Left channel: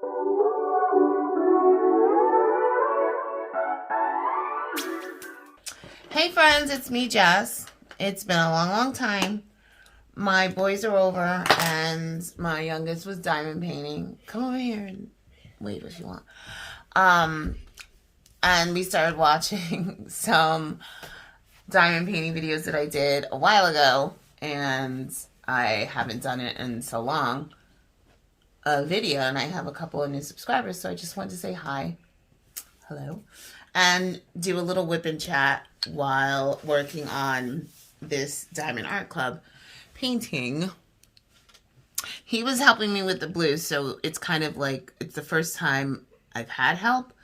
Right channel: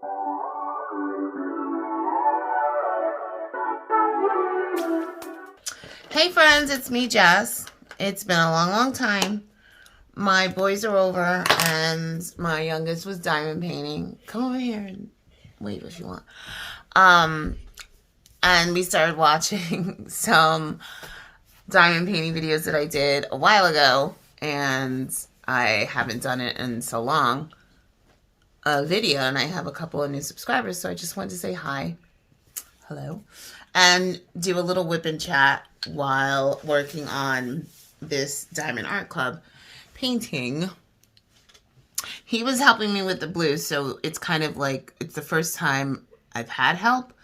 Hey friends, it's me, Jess. It's been a long time. My boys are over and my youngest was diamond painting. Come over here and wave if you want. And we started watching some diamond painting videos that I did a while ago, and I haven't done it in so long. A video, and I have a couple of new subscribers, so I just wanted to say hi. Hello. And do a little whip and chat while working on this Diamond Art Club painting. He was helping me with the blue, so it's kind of like, it's the first time I've had help.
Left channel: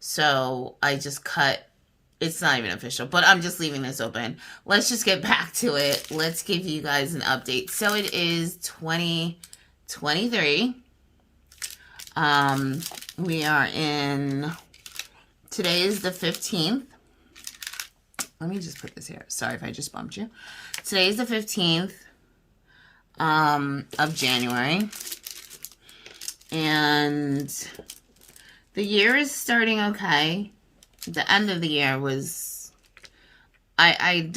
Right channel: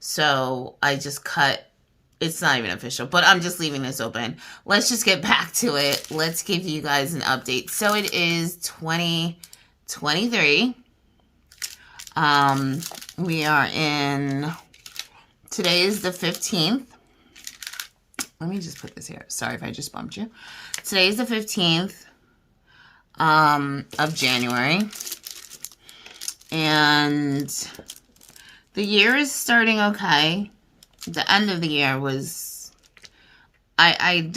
So I just cut, it's not even official, but I'm just leaving this open. Let's just get back to it. Let's give you guys an update. So it is 2023. We are in, today is the 15th. Let me just put this here. Sorry if I just bumped you. Today is the 15th of January. And the year is starting okay. The end of the year was, I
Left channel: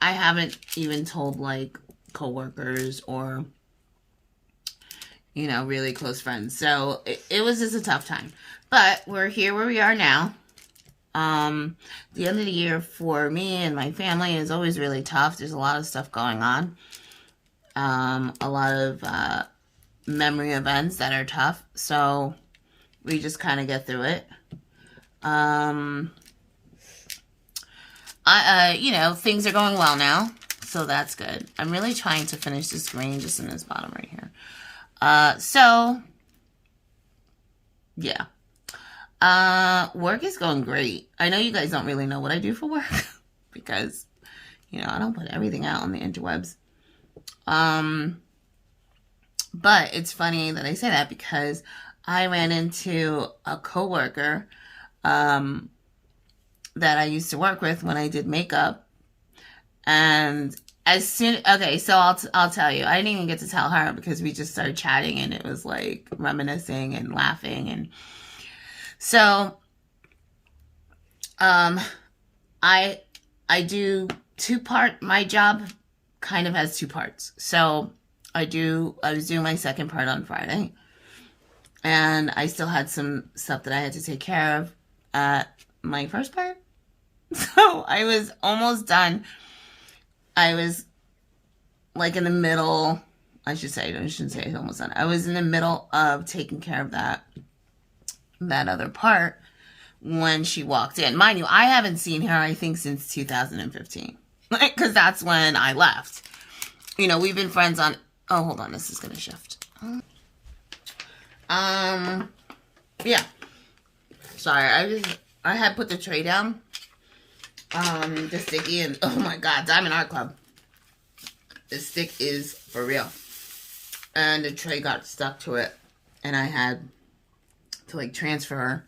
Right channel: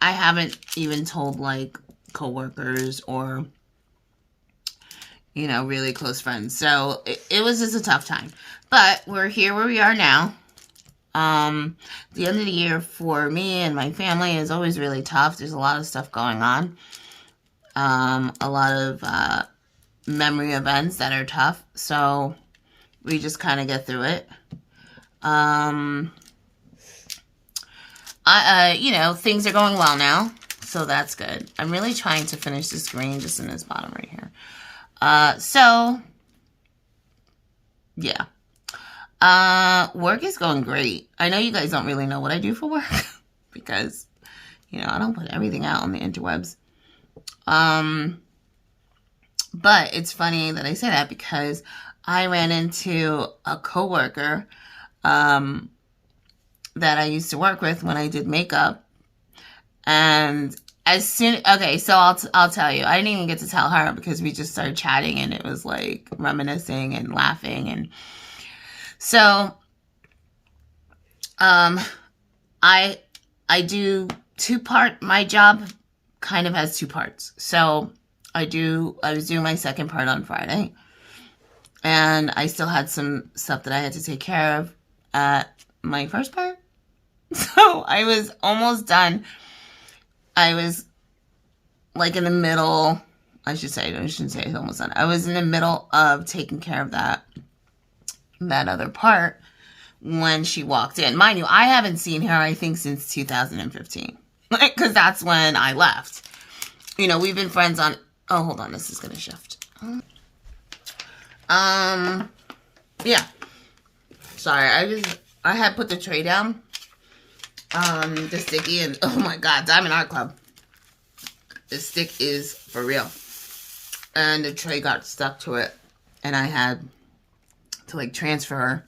haven't even told like coworkers or, you know, really close friends. So it was just a tough time. But we're here where we are now. The end of the year for me and my family is always really tough. There's a lot of stuff going on. A lot of memory events that are tough. So we just kind of get through it. You know, things are going well now. So that's good. I'm really trying to finish this green just in this bottom right here. So, yeah. Work is going great. I know you guys don't really know what I do for work because, you know, I don't put everything out on the interwebs. But it's funny that I say that because I ran into a coworker, that I used to work with when I did makeup. And as soon, okay, so I'll tell you, I didn't even get to tell her because we just started chatting and it was like reminiscing and laughing. And so, I do my job kind of has two parts. So I was doing my second part on Friday, and I still had some stuff that I had to take care of at my first part. So I was almost done. I was like in the middle, I shouldn't say I was almost done. I was in the middle of taking care of that other part when she walked in. Mind you, I haven't seen her, I think, since 2015. Because that's when I left. You know, we've been friends on... Oh, hold on. This is going to shift. Yeah. Sorry, I had put the tray down. The sticky, and oh my god, Diamond Art Club. The stick is for real. And the tray got stuck to it. And I had to like transfer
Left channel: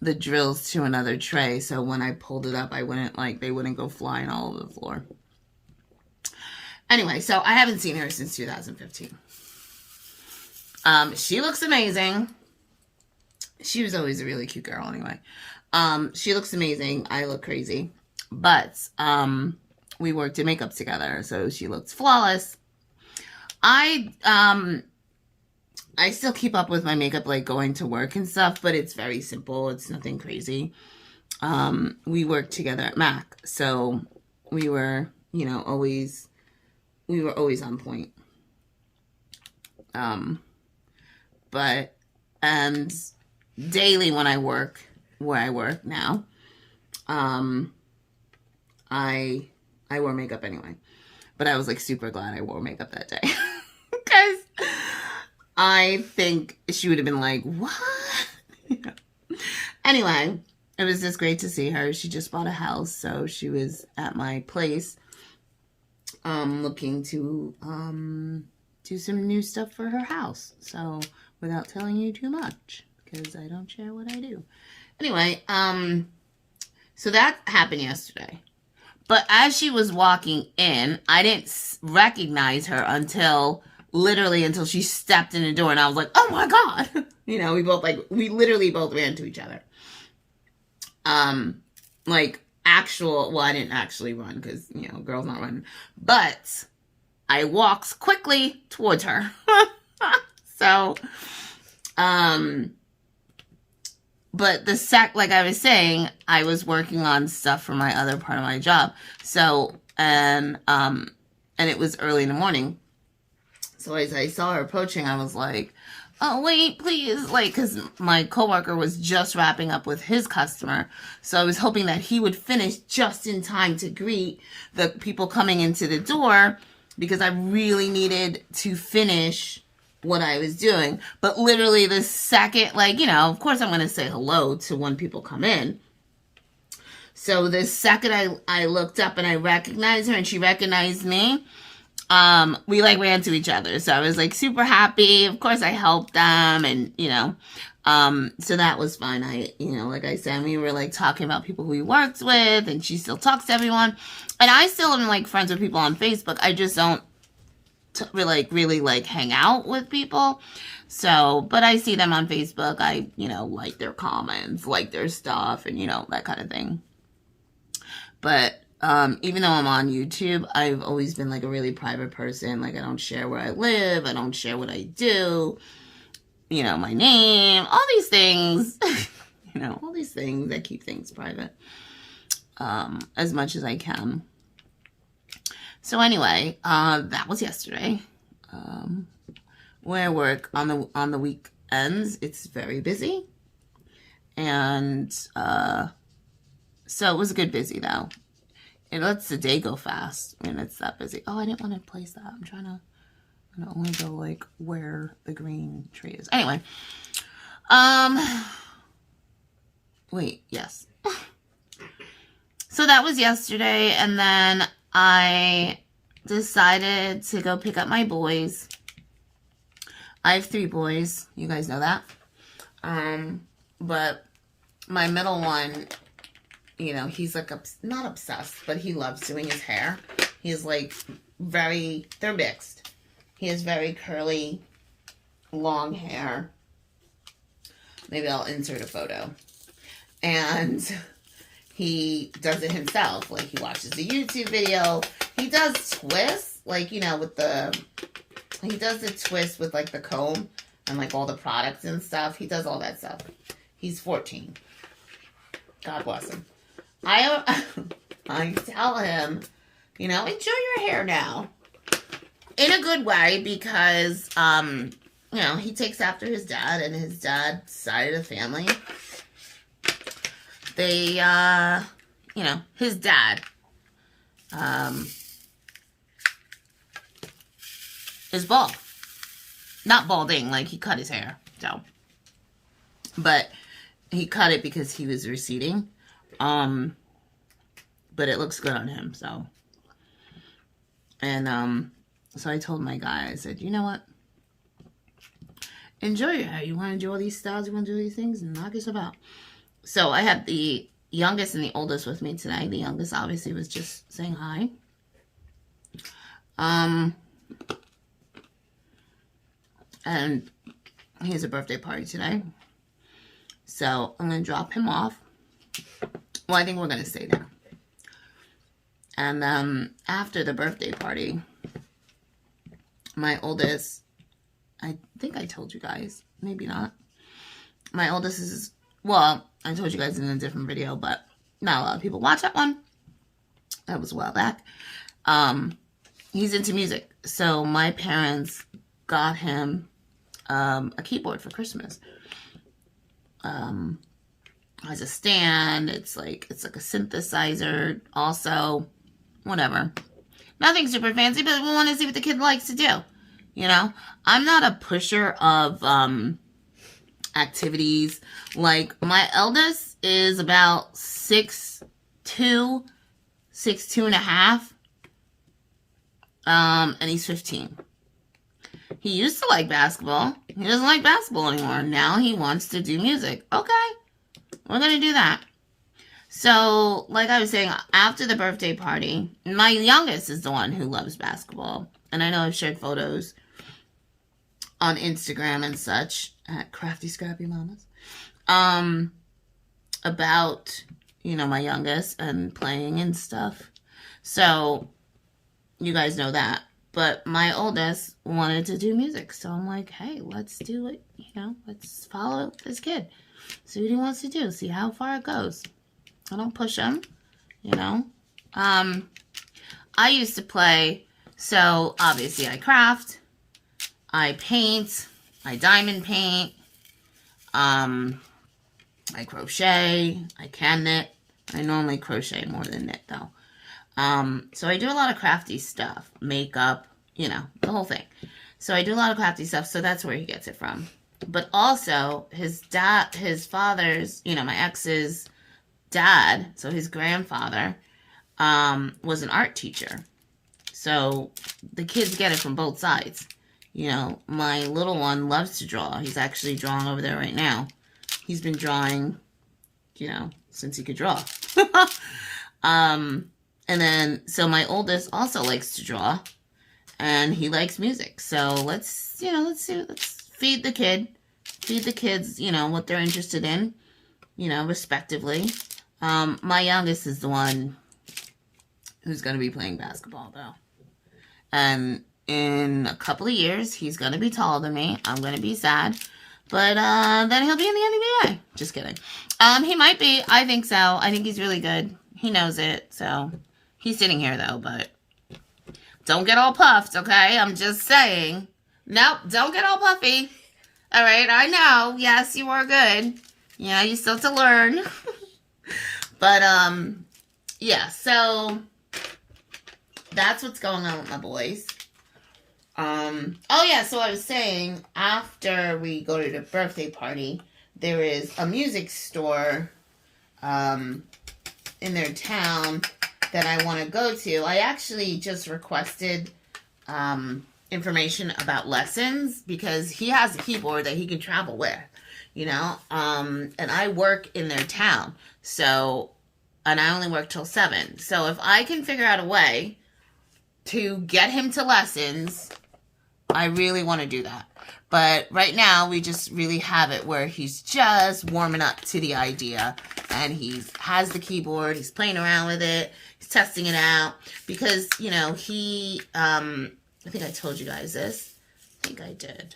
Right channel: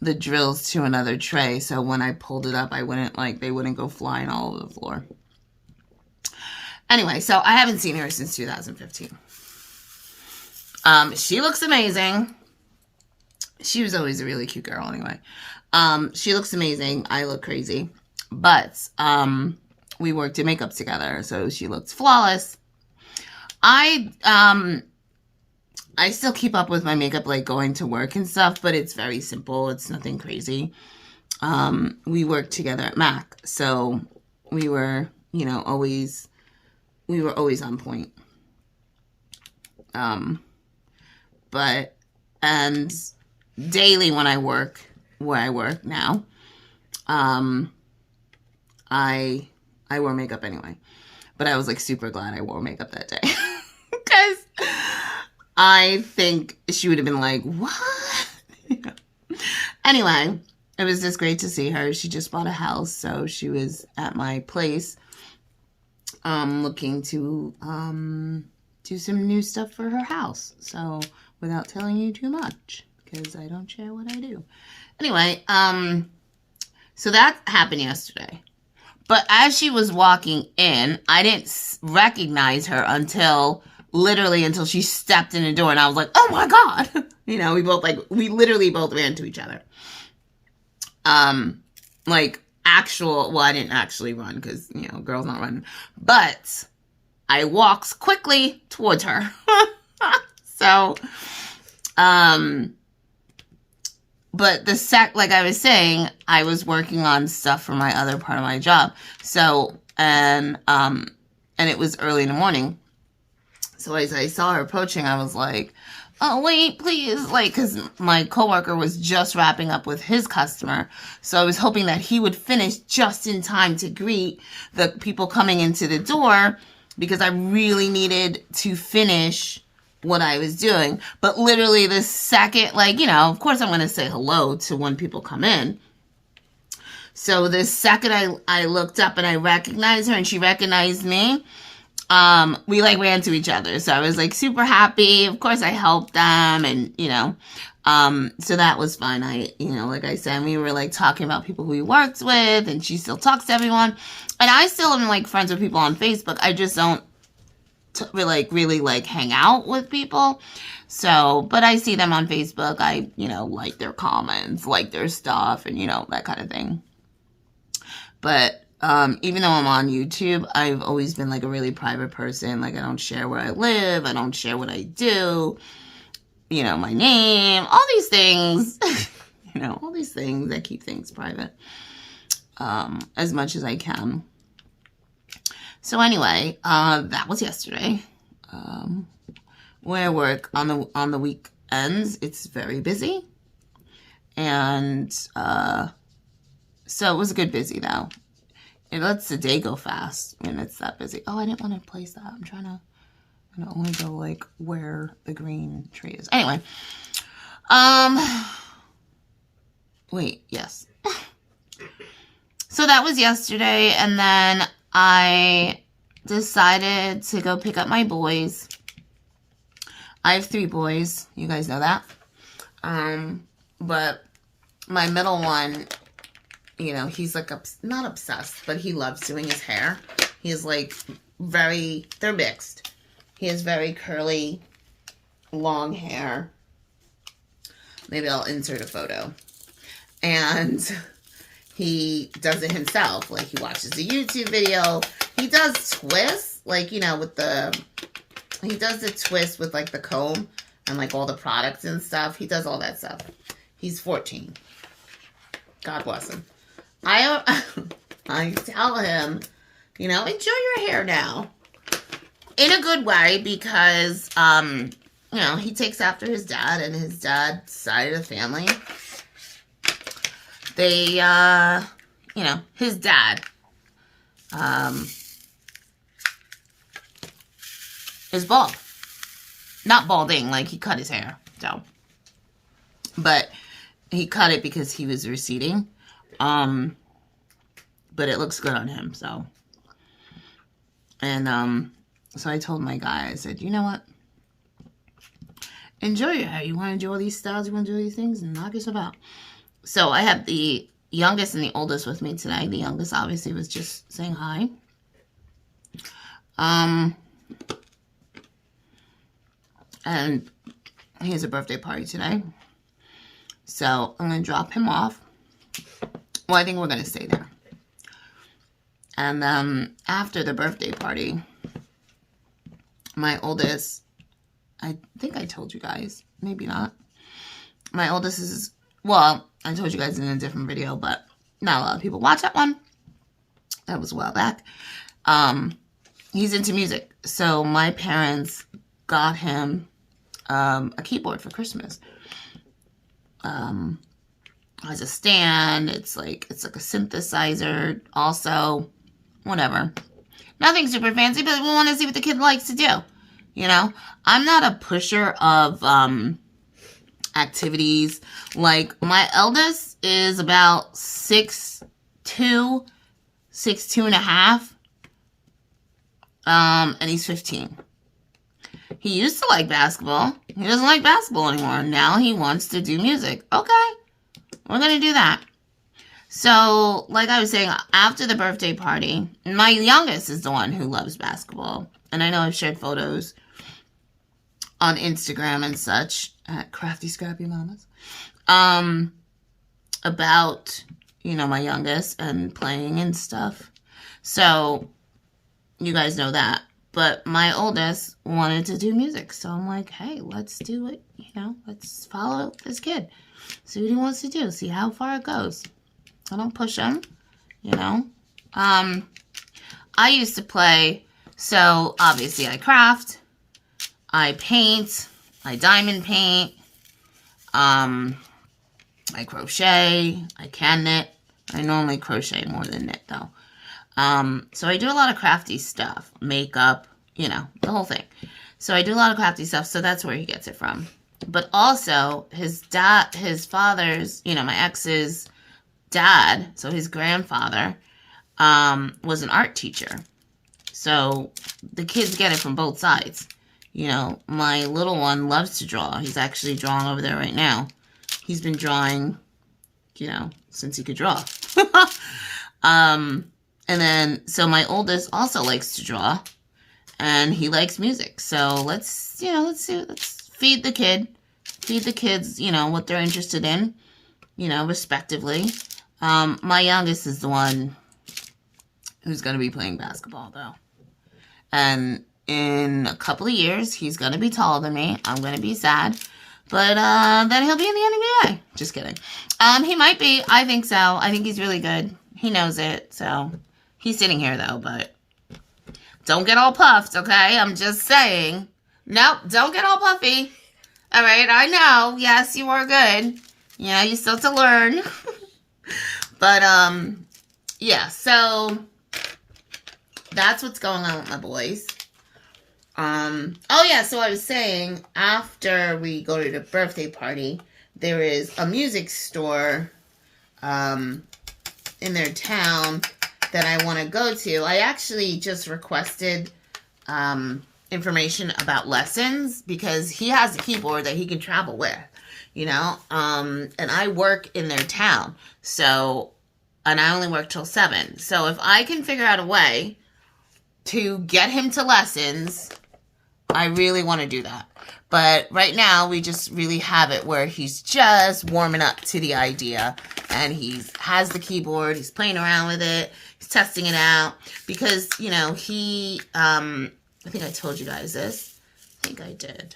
the drills to another tray, so when I pulled it up, they wouldn't go flying all over the floor. Anyway, so I haven't seen her since 2015. She looks amazing. She was always a really cute girl anyway. She looks amazing. I look crazy. But we worked in makeup together, so she looks flawless. I still keep up with my makeup, like going to work and stuff, but it's very simple. It's nothing crazy. We worked together at Mac, so we were, you know, always on point. And daily when I work where I work now, I wore makeup anyway, but I was like super glad I wore makeup that day because I think she would have been like, what? Anyway, it was just great to see her. She just bought a house, so she was at my place looking to do some new stuff for her house. So without telling you too much, because I don't share what I do. Anyway, so that happened yesterday. But as she was walking in, I didn't recognize her until literally until she stepped in the door, and I was like, oh my God. You know, we literally both ran to each other. Like well, I didn't actually run because, you know, girls not running, but I walked quickly towards her. So, but like I was saying, I was working on stuff for my other part of my job. So, and it was early in the morning. So as I saw her approaching, I was like, oh, wait, please. Like, because my coworker was just wrapping up with his customer. So I was hoping that he would finish just in time to greet the people coming into the door, because I really needed to finish what I was doing. But literally the second, like, you know, of course I'm going to say hello to when people come in. So the second I looked up and I recognized her and she recognized me, we like ran to each other. So I was like super happy. Of course I helped them, and, you know, so that was fun. You know, like I said, we were like talking about people who we worked with, and she still talks to everyone. And I still am like friends with people on Facebook. I just don't really like hang out with people. So, but I see them on Facebook. I, you know, like their comments, like their stuff, and, you know, that kind of thing. But even though I'm on YouTube, I've always been like a really private person. Like, I don't share where I live. I don't share what I do. You know, my name, all these things. You know, all these things. I keep things private as much as I can. So anyway, that was yesterday. Where I work on the weekends, it's very busy. And so it was a good busy, though. It lets the day go fast when it's that busy. Oh, I didn't want to place that. I'm trying to only go like where the green tree is. Anyway, wait, yes. So that was yesterday, and then I decided to go pick up my boys. I have 3 boys. You guys know that. But my middle one, you know, he's like not obsessed, but he loves doing his hair. He's like they're mixed. He has very curly, long hair. Maybe I'll insert a photo. And he does it himself. Like, he watches a YouTube video. He does twists, like, you know, he does the twist with, like, the comb and, like, all the products and stuff. He does all that stuff. He's 14. God bless him. I tell him, you know, enjoy your hair now. In a good way, because, you know, he takes after his dad, and his dad's side of the family. They, you know, his dad, is bald. Not balding, like, he cut his hair, so. But he cut it because he was receding. But it looks good on him, so. And, so I told my guy, I said, you know what? Enjoy your hair. You want to do all these styles, you want to do all these things, and knock yourself out. So I had the youngest and the oldest with me tonight. The youngest obviously was just saying hi. And he has a birthday party today. So I'm going to drop him off. Well, I think we're going to stay there. And after the birthday party, my oldest, I think I told you guys, maybe not. My oldest is, well, I told you guys in a different video, but not a lot of people watch that one. That was a while back. He's into music. So my parents got him a keyboard for Christmas. Has a stand. It's like a synthesizer also. Whatever. Nothing super fancy, but we want to see what the kid likes to do. You know? I'm not a pusher of activities. Like, my eldest is about 6'2", 6'2" and a half. And he's 15. He used to like basketball. He doesn't like basketball anymore. Now he wants to do music. Okay. We're going to do that. So, like I was saying, after the birthday party, my youngest is the one who loves basketball. And I know I've shared photos on Instagram and such at Crafty Scrappy Mamas, about, you know, my youngest and playing and stuff. So you guys know that. But my oldest wanted to do music. So I'm like, hey, let's do it. You know, let's follow this kid. See what he wants to do. See how far it goes. I don't push him, you know. I used to play, so obviously I craft, I paint, I diamond paint, I crochet, I can knit. I normally crochet more than knit though. So I do a lot of crafty stuff, makeup, you know, the whole thing. So I do a lot of crafty stuff, so that's where he gets it from. But also, his father's, you know, my ex's dad, so his grandfather, was an art teacher. So the kids get it from both sides. You know, my little one loves to draw. He's actually drawing over there right now. He's been drawing, you know, since he could draw. And then, so my oldest also likes to draw, and he likes music. So let's feed the kids, you know, what they're interested in, you know, respectively. My youngest is the one who's going to be playing basketball, though. And in a couple of years, he's going to be taller than me. I'm going to be sad. But then he'll be in the NBA. Just kidding. He might be. I think so. I think he's really good. He knows it, so... He's sitting here, though, but don't get all puffed, okay? I'm just saying. Nope, don't get all puffy. All right, I know. Yes, you are good. Yeah, you still have to learn. But, yeah, so that's what's going on with my boys. Oh, yeah, so I was saying, after we go to the birthday party, there is a music store in their town that I want to go to. I actually just requested information about lessons because he has a keyboard that he can travel with, you know, and I work in their town, so, and I only work till 7, so if I can figure out a way to get him to lessons, I really want to do that. But right now, we just really have it where he's just warming up to the idea, and he has the keyboard, he's playing around with it, testing it out, because, you know, he, I think I told you guys this. I think I did.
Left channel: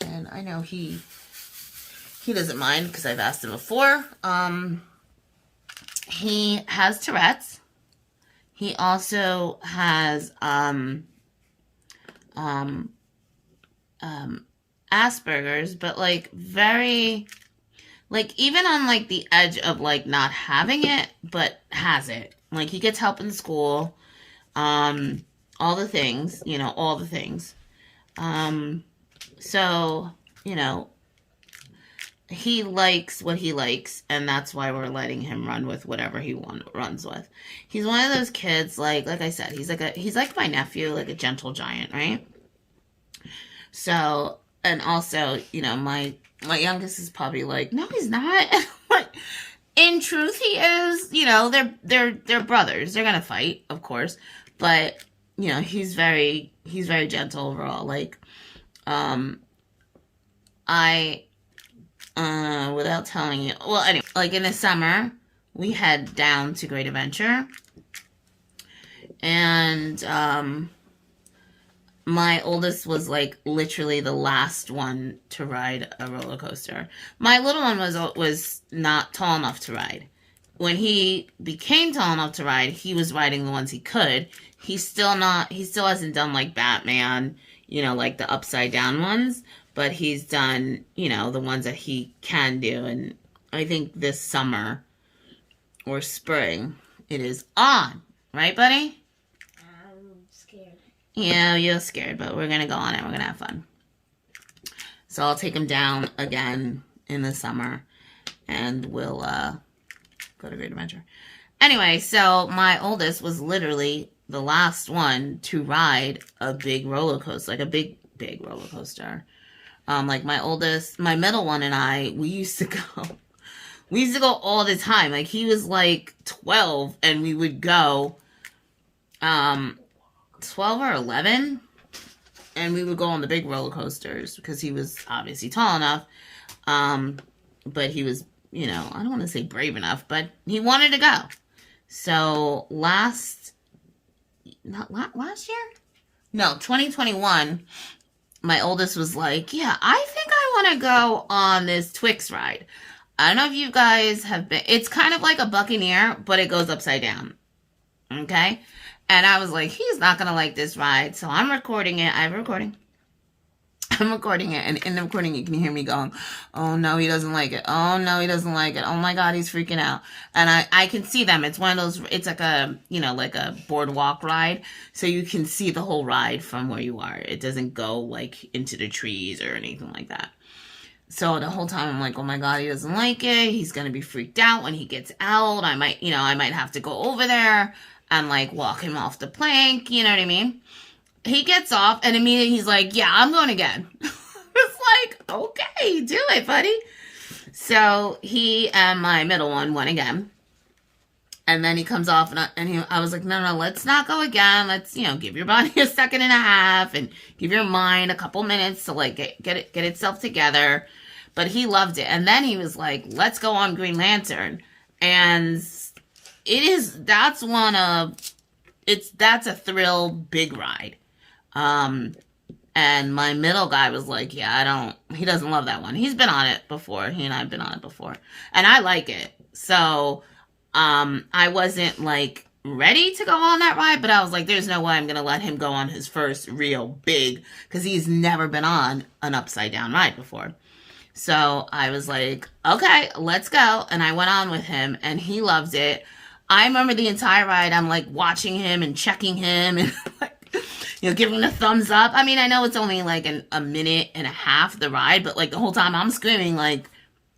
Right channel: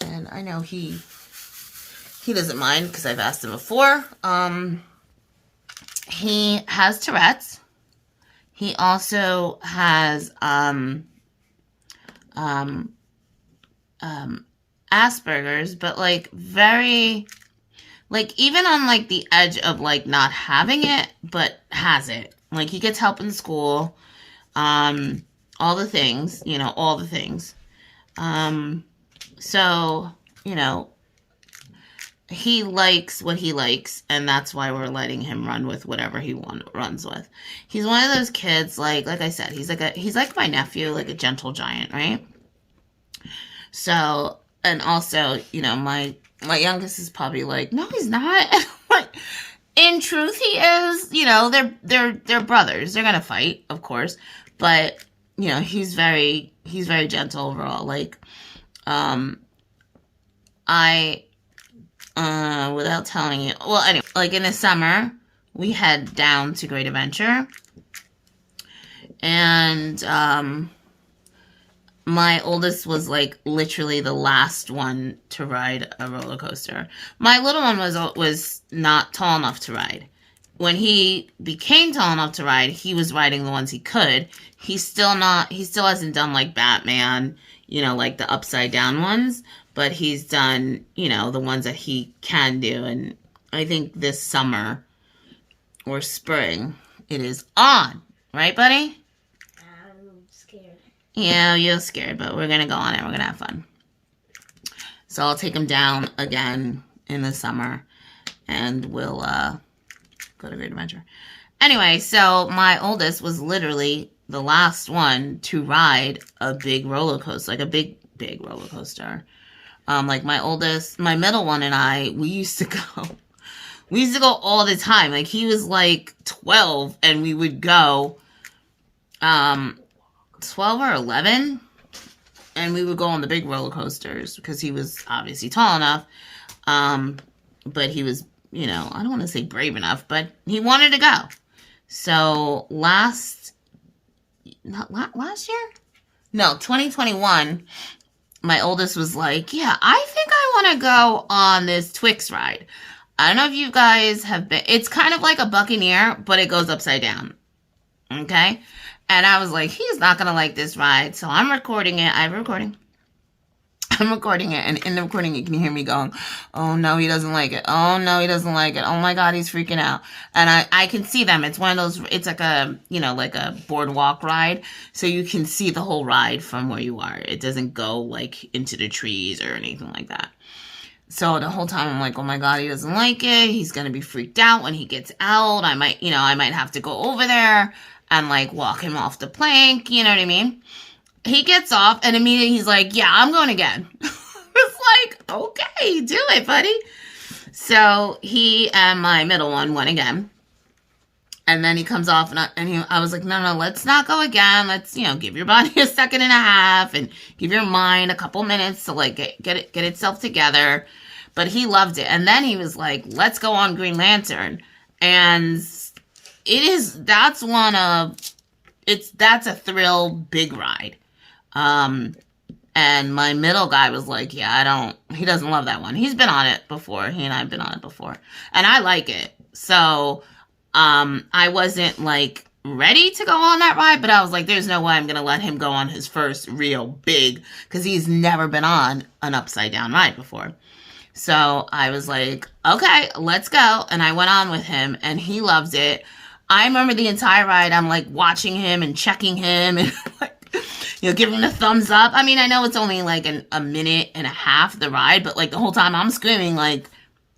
And I know he doesn't mind, because I've asked him before. He has Tourette's. He also has, Asperger's, but, like, very, like, even on, like, the edge of, like, not having it, but has it. Like, he gets help in school, all the things, you know, all the things. So, you know, he likes what he likes, and that's why we're letting him run with whatever he runs with. He's one of those kids, like I said, he's like my nephew, like a gentle giant, right? So, and also, you know, my youngest is probably like, no, he's not. In truth, he is. You know, they're brothers. They're gonna fight, of course, but you know, he's very gentle overall. Like, without telling you, well, anyway, like in the summer, we head down to Great Adventure, and my oldest was like literally the last one to ride a roller coaster. My little one was not tall enough to ride. When he became tall enough to ride, he was riding the ones he could. He still hasn't done like Batman, you know, like the upside down ones, but he's done, you know, the ones that he can do. And I think this summer or spring it is on, right, buddy? Yeah, you're scared, but we're going to go on it. We're going to have fun. So I'll take him down again in the summer, and we'll go to Great Adventure. Anyway, so my oldest was literally the last one to ride a big roller coaster, like a big roller coaster. Like my middle one and I, we used to go. We used to go all the time. Like, he was like 12, and we would go 12 or 11, and we would go on the big roller coasters because he was obviously tall enough. But he was, you know, I don't want to say brave enough, but he wanted to go. So last year? No, 2021, my oldest was like, yeah, I think I want to go on this Twix ride. I don't know if you guys have been, it's kind of like a Buccaneer, but it goes upside down. Okay? And I was like, he's not going to like this ride. So I'm recording it. I'm recording it, and in the recording you can hear me going, oh no, he doesn't like it. Oh no, he doesn't like it. Oh my God, he's freaking out. And I can see them. It's one of those, it's like a, you know, like a boardwalk ride. So you can see the whole ride from where you are. It doesn't go like into the trees or anything like that. So the whole time I'm like, oh my God, he doesn't like it. He's going to be freaked out when he gets out. I might have to go over there and like walk him off the plank. You know what I mean? He gets off and immediately he's like, yeah, I'm going again. It's like, okay, do it, buddy. So he and my middle one went again. And then he comes off and I was like, no, let's not go again. Let's, you know, give your body a second and a half and give your mind a couple minutes to like get itself together. But he loved it. And then he was like, let's go on Green Lantern. And that's a thrill big ride. And my middle guy was like, yeah, he doesn't love that one. He's been on it before. He and I have been on it before. And I like it. So, I wasn't like ready to go on that ride, but I was like, there's no way I'm going to let him go on his first real big, because he's never been on an upside down ride before. So I was like, okay, let's go. And I went on with him and he loves it. I remember the entire ride. I'm like watching him and checking him and like, you know, give him a thumbs up. I mean, I know it's only like a minute and a half the ride, but like the whole time I'm screaming, like,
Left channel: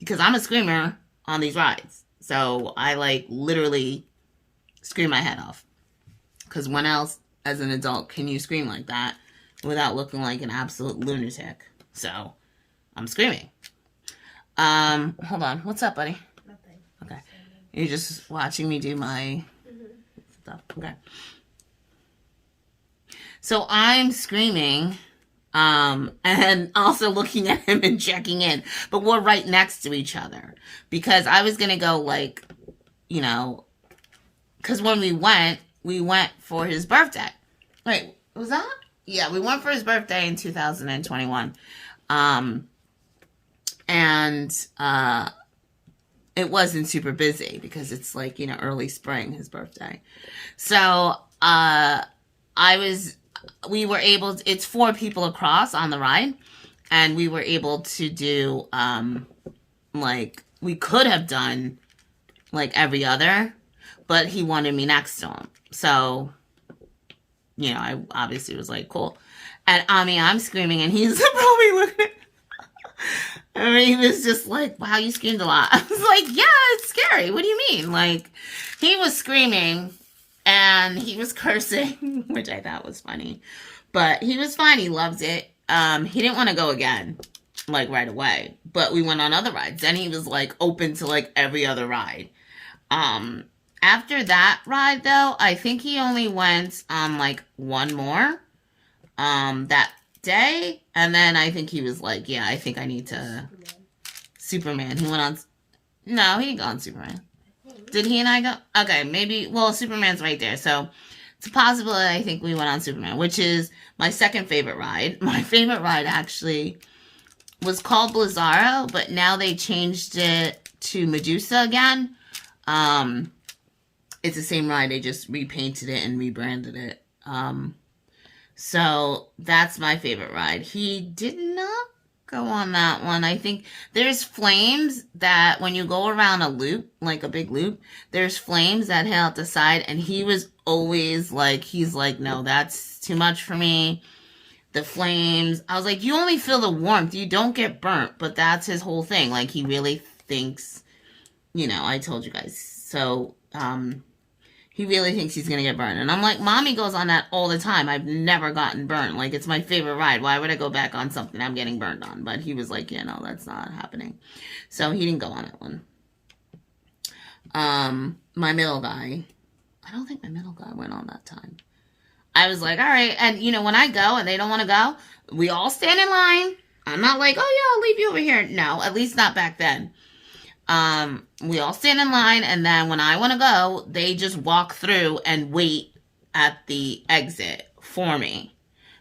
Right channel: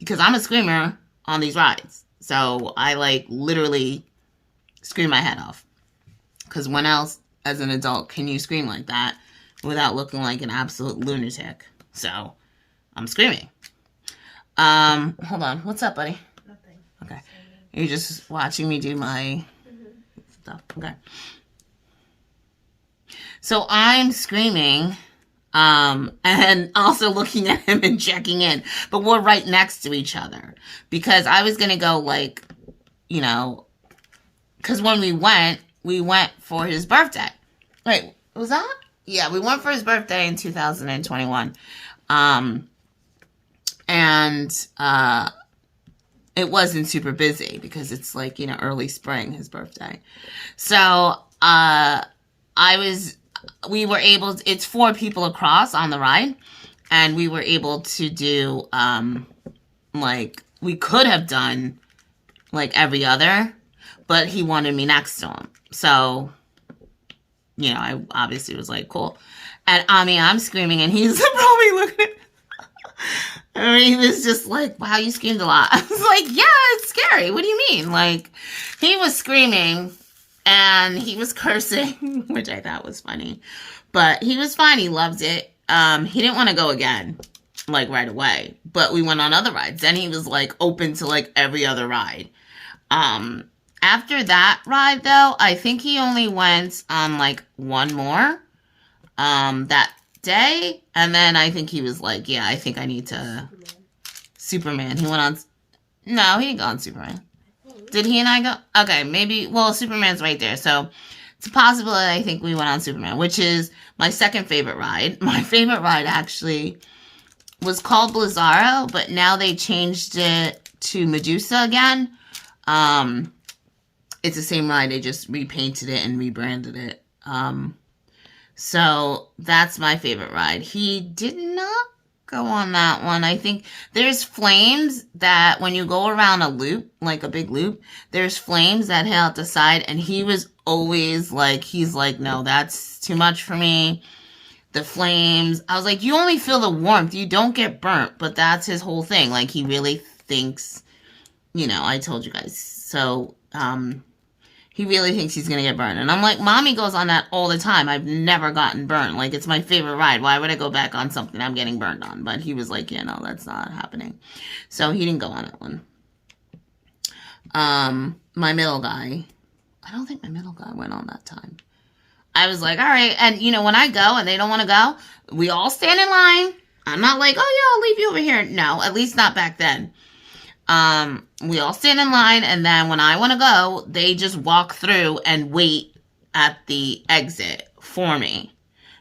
because I'm a screamer on these rides. So I like literally scream my head off. Because when else as an adult can you scream like that without looking like an absolute lunatic? So I'm screaming. Hold on. What's up, buddy? Nothing. Okay. You're just watching me do my stuff. Okay. So I'm screaming, and also looking at him and checking in, but we're right next to each other because I was going to go like, you know, because when we went for his birthday. Wait, was that? Yeah, we went for his birthday in 2021. It wasn't super busy because it's like, you know, early spring, his birthday. So, we were able to, it's 4 people across on the ride, and we were able to do, like, we could have done, like, every other, but he wanted me next to him. So, you know, I obviously was like, cool. And, I mean, I'm screaming, and he's probably looking at, I mean, he was just like, wow, you screamed a lot. I was like, yeah, it's scary. What do you mean? Like, he was screaming, and he was cursing, which I thought was funny. But he was fine. He loved it. He didn't want to go again, like, right away. But we went on other rides. Then he was, like, open to, like, every other ride. After that ride, though, I think he only went on, like, one more that day. And then I think he was like, yeah, I think I need to... Superman. He went on... No, he didn't go on Superman. Did he and I go? Okay, maybe... Well, Superman's right there. So, it's a possibility I think we went on Superman, which is my second favorite ride. My favorite ride, actually, was called Blizzaro, but now they changed it to Medusa again. It's the same ride. They just repainted it and rebranded it. So, that's my favorite ride. He did not go on that one. I think there's flames that when you go around a loop, like a big loop, there's flames that hit out the side, and he was always like, he's like, no, that's too much for me. The flames. I was like, you only feel the warmth. You don't get burnt. But that's his whole thing. Like, he really thinks, you know, I told you guys. So, he really thinks he's going to get burned. And I'm like, Mommy goes on that all the time. I've never gotten burned. Like, it's my favorite ride. Why would I go back on something I'm getting burned on? But he was like, yeah, no, that's not happening. So he didn't go on that one. My middle guy, I don't think my middle guy went on that time. I was like, all right. And, you know, when I go and they don't want to go, we all stand in line. I'm not like, oh, yeah, I'll leave you over here. No, at least not back then. We all stand in line, and then when I want to go, they just walk through and wait at the exit for me.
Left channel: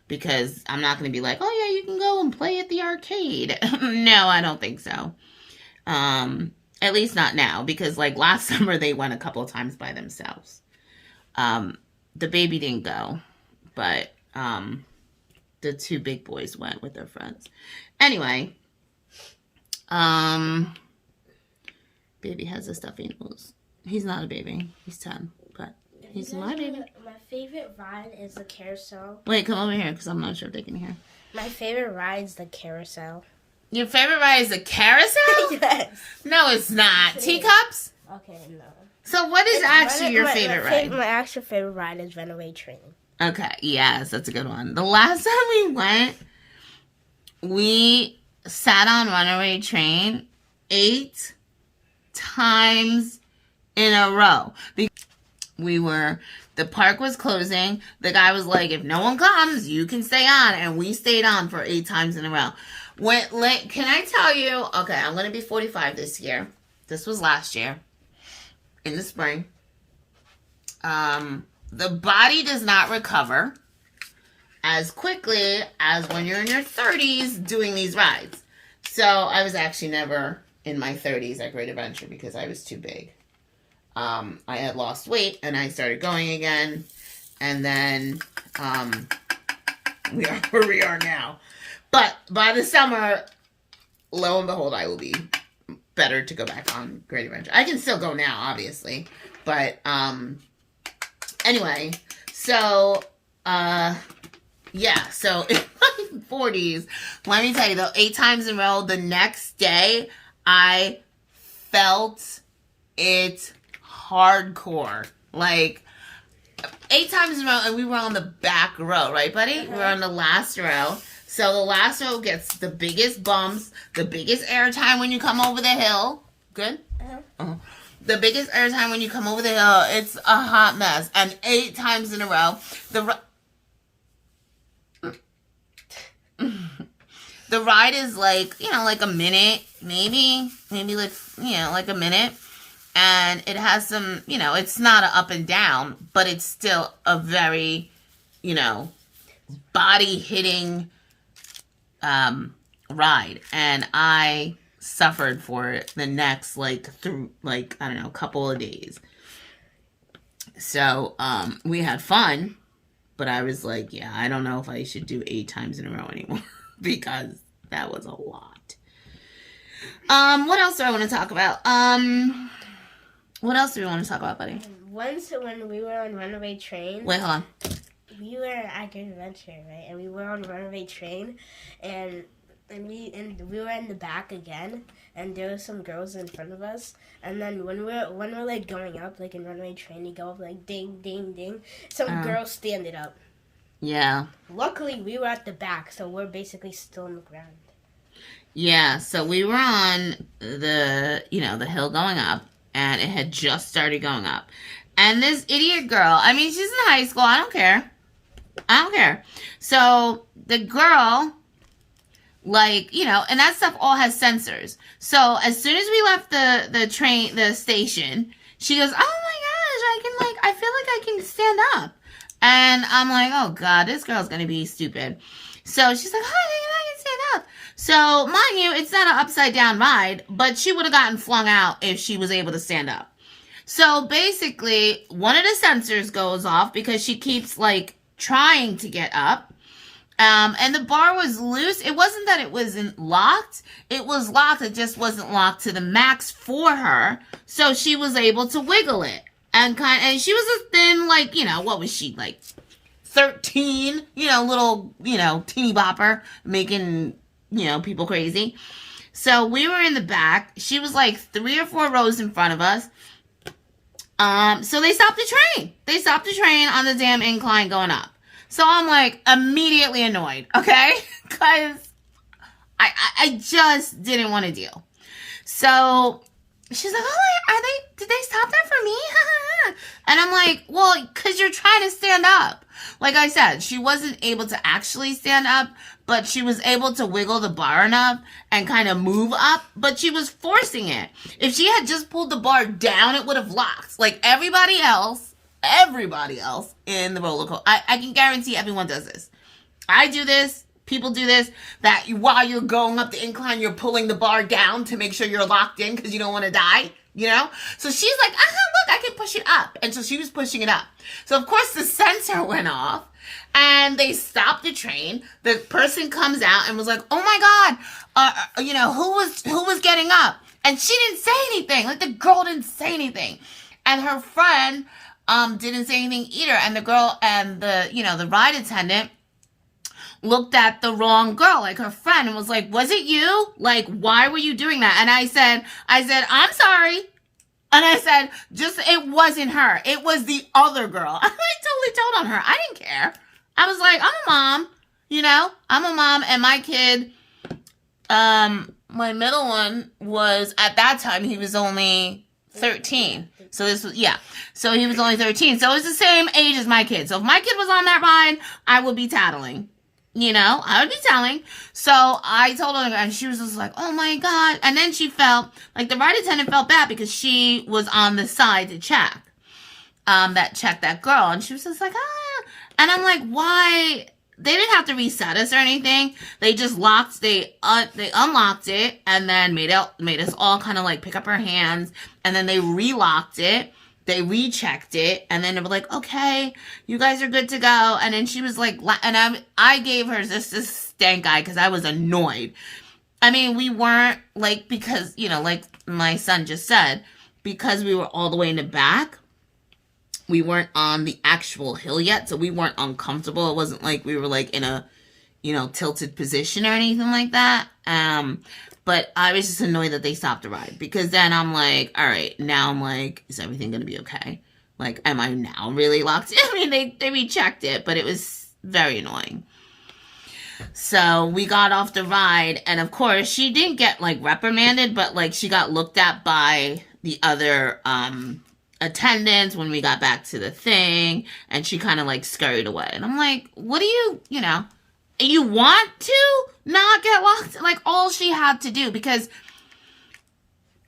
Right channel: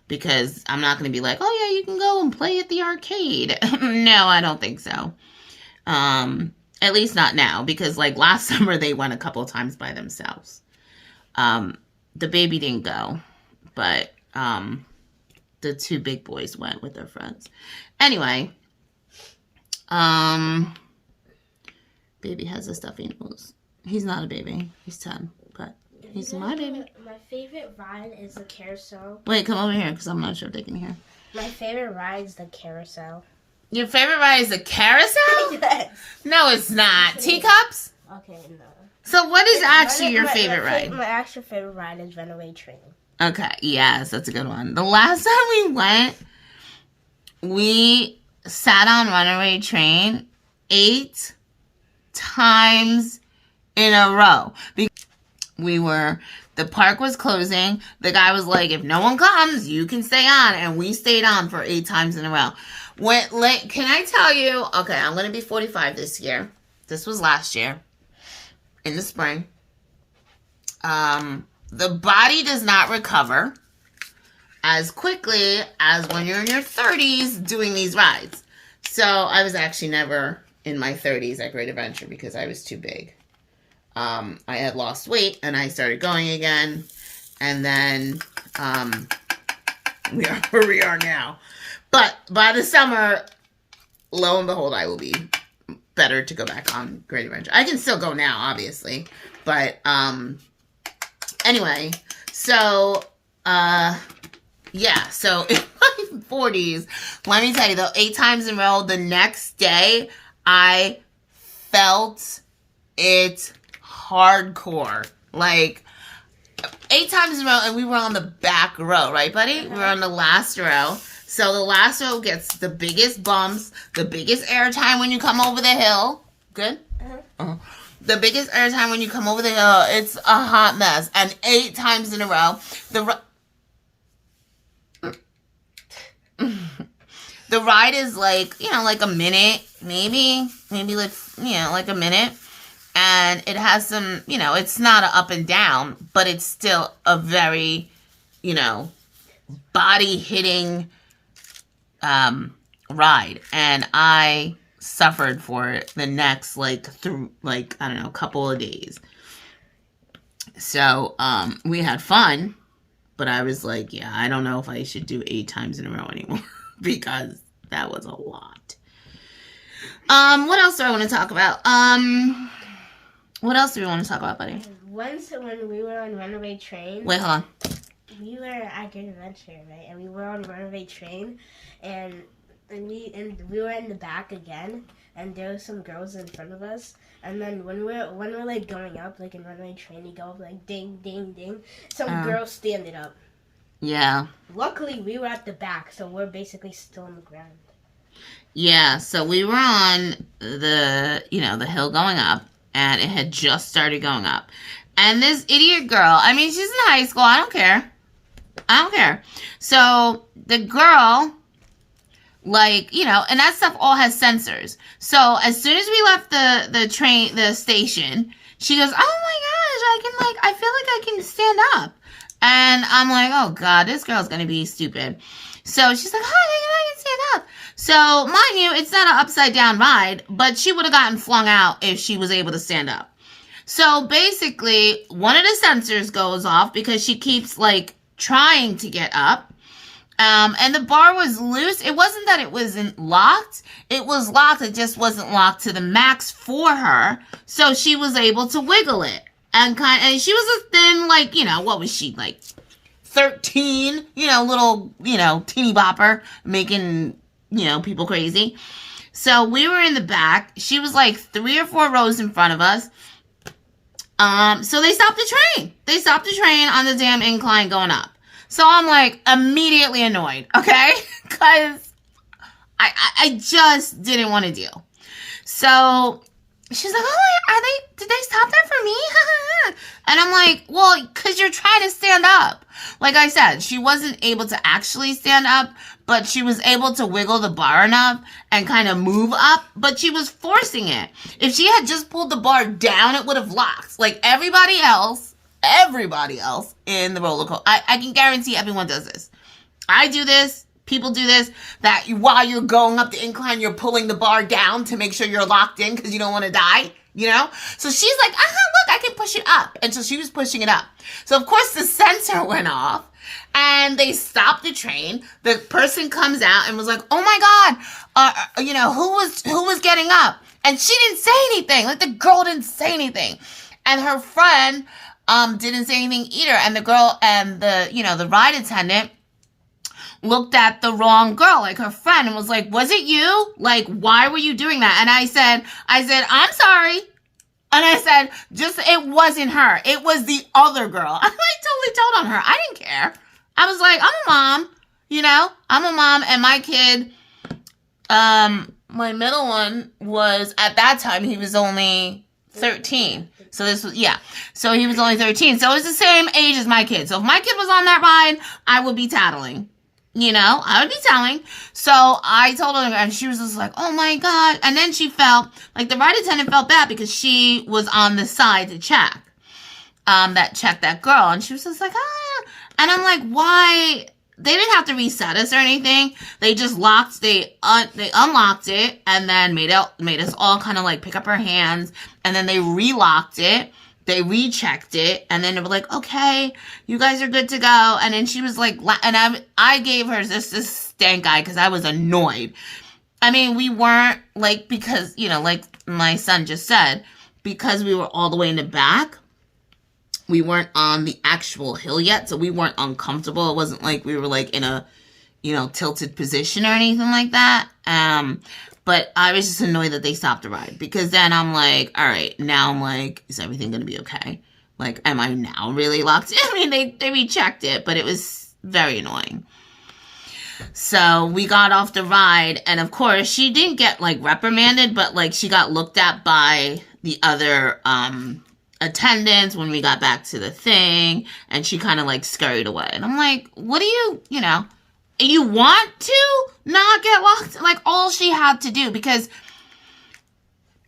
Because I'm not going to be like, oh, yeah, you can go and play at the arcade. No, I don't think so. At least not now. Because, like, last summer, they went a couple of times by themselves. The baby didn't go. But the two big boys went with their friends. Anyway. Baby has a stuffy nose. He's not a baby. He's 10. But he's my baby. My favorite ride is the carousel. Wait, come over here because I'm not sure if they can hear. My favorite ride is the carousel. Your favorite ride is the carousel? Yes. No, it's not. Teacups? Okay, no. So what is actually your favorite ride? My actual favorite ride is Runaway Train. Okay, yes, that's a good one. The last time we went, we sat on Runaway Train 8 times in a row. The park was closing. The guy was like, if no one comes, you can stay on. And we stayed on for 8 times in a row. Can I tell you, okay, I'm going to be 45 this year. This was last year in the spring. The body does not recover as quickly as when you're in your 30s doing these rides. So I was actually never in my 30s at Great Adventure because I was too big. I had lost weight and I started going again. And then we are where we are now. But by the summer, lo and behold, I will be better to go back on Great Adventure. I can still go now, obviously. But anyway, so yeah, so in my 40s, let me tell you though, 8 times in a row, the next day, I felt it hardcore. Like, 8 times in a row, and we were on the back row, right, buddy? We were on the last row. So the last row gets the biggest bumps, the biggest airtime when you come over the hill. Good? Uh-huh. The biggest airtime when you come over the hill. It's a hot mess. And 8 times in a row, the ride is like, you know, like a minute, maybe like, you know, like a minute. And it has some, you know, it's not an up and down, but it's still a very, you know, body hitting ride. And I suffered for it the next, I don't know, couple of days. So, we had fun, but I was like, yeah, I don't know if I should do 8 times in a row anymore because that was a lot. What else do I want to talk about? What else do we want to talk about, buddy? Once when we were on Runaway Train. Wait, hold on. We were at Great Adventure, right? And we were on Runaway Train, and we were in the back again, and there were some girls in front of us. And then when we're like going up, like in Runaway Train, you go up like ding, ding, ding. Some girls standing up. Yeah. Luckily, we were at the back, so we're basically still on the ground. Yeah, so we were on the hill going up, and it had just started going up. And this idiot girl, I mean, she's in high school, I don't care. So the girl, like, you know, and that stuff all has sensors. So as soon as we left the station, she goes, oh my gosh, I feel like I can stand up. And I'm like, oh God, this girl's going to be stupid. So she's like, oh, I can stand up. So mind you, it's not an upside down ride, but she would have gotten flung out if she was able to stand up. So basically, one of the sensors goes off because she keeps like trying to get up. And the bar was loose. It wasn't that it wasn't locked. It was locked. It just wasn't locked to the max for her. So she was able to wiggle it. And she was a thin, like, you know, what was she, like 13, you know, little, you know, teeny bopper, making, you know, people crazy. So we were in the back. She was like 3 or 4 rows in front of us. So they stopped the train. They stopped the train on the damn incline going up. So I'm like immediately annoyed, okay? Because I just didn't want to deal. So she's like, oh, are they did they stop that for me? And I'm like, well, because you're trying to stand up. Like I said, she wasn't able to actually stand up, but she was able to wiggle the bar enough and kind of move up, but she was forcing it. If she had just pulled the bar down, it would have locked. Like everybody else in the roller coaster. I can guarantee everyone does this. I do this. People do this, that while you're going up the incline, you're pulling the bar down to make sure you're locked in because you don't want to die, you know? So she's like, look, I can push it up. And so she was pushing it up. So, of course, the sensor went off, and they stopped the train. The person comes out and was like, oh, my God, who was getting up? And she didn't say anything. Like, the girl didn't say anything. And her friend didn't say anything either. And the girl and the ride attendant looked at the wrong girl, like her friend, and was like, was it you? Like, why were you doing that? And I said, I'm sorry. And I said, it wasn't her. It was the other girl. I totally told on her. I didn't care. I was like, I'm a mom, I'm a mom, and my kid, my middle one was, at that time, he was only 13. So so he was only 13. So it was the same age as my kid. So if my kid was on that ride, I would be tattling. I would be telling. So I told her, and she was just like, oh my God. And then she felt, like the ride attendant felt bad because she was on the side to check, that girl. And she was just like, And I'm like, why? They didn't have to reset us or anything. They just they unlocked it and then made us all kind of like pick up our hands. And then they relocked it. They rechecked it, and then they were like, okay, you guys are good to go. And then she was like, and I gave her this stank eye because I was annoyed. I mean, we weren't, like, because, like my son just said, because we were all the way in the back, we weren't on the actual hill yet, so we weren't uncomfortable. It wasn't like we were, like, in a, tilted position or anything like that. But I was just annoyed that they stopped the ride, because then I'm like, all right, now I'm like, is everything going to be okay? Like, am I now really locked in? I mean, they rechecked it, but it was very annoying. So we got off the ride, and of course, she didn't get, like, reprimanded, but, like, she got looked at by the other attendants when we got back to the thing, and she kind of, like, scurried away. And I'm like, what do you want to not get locked? Like, all she had to do, because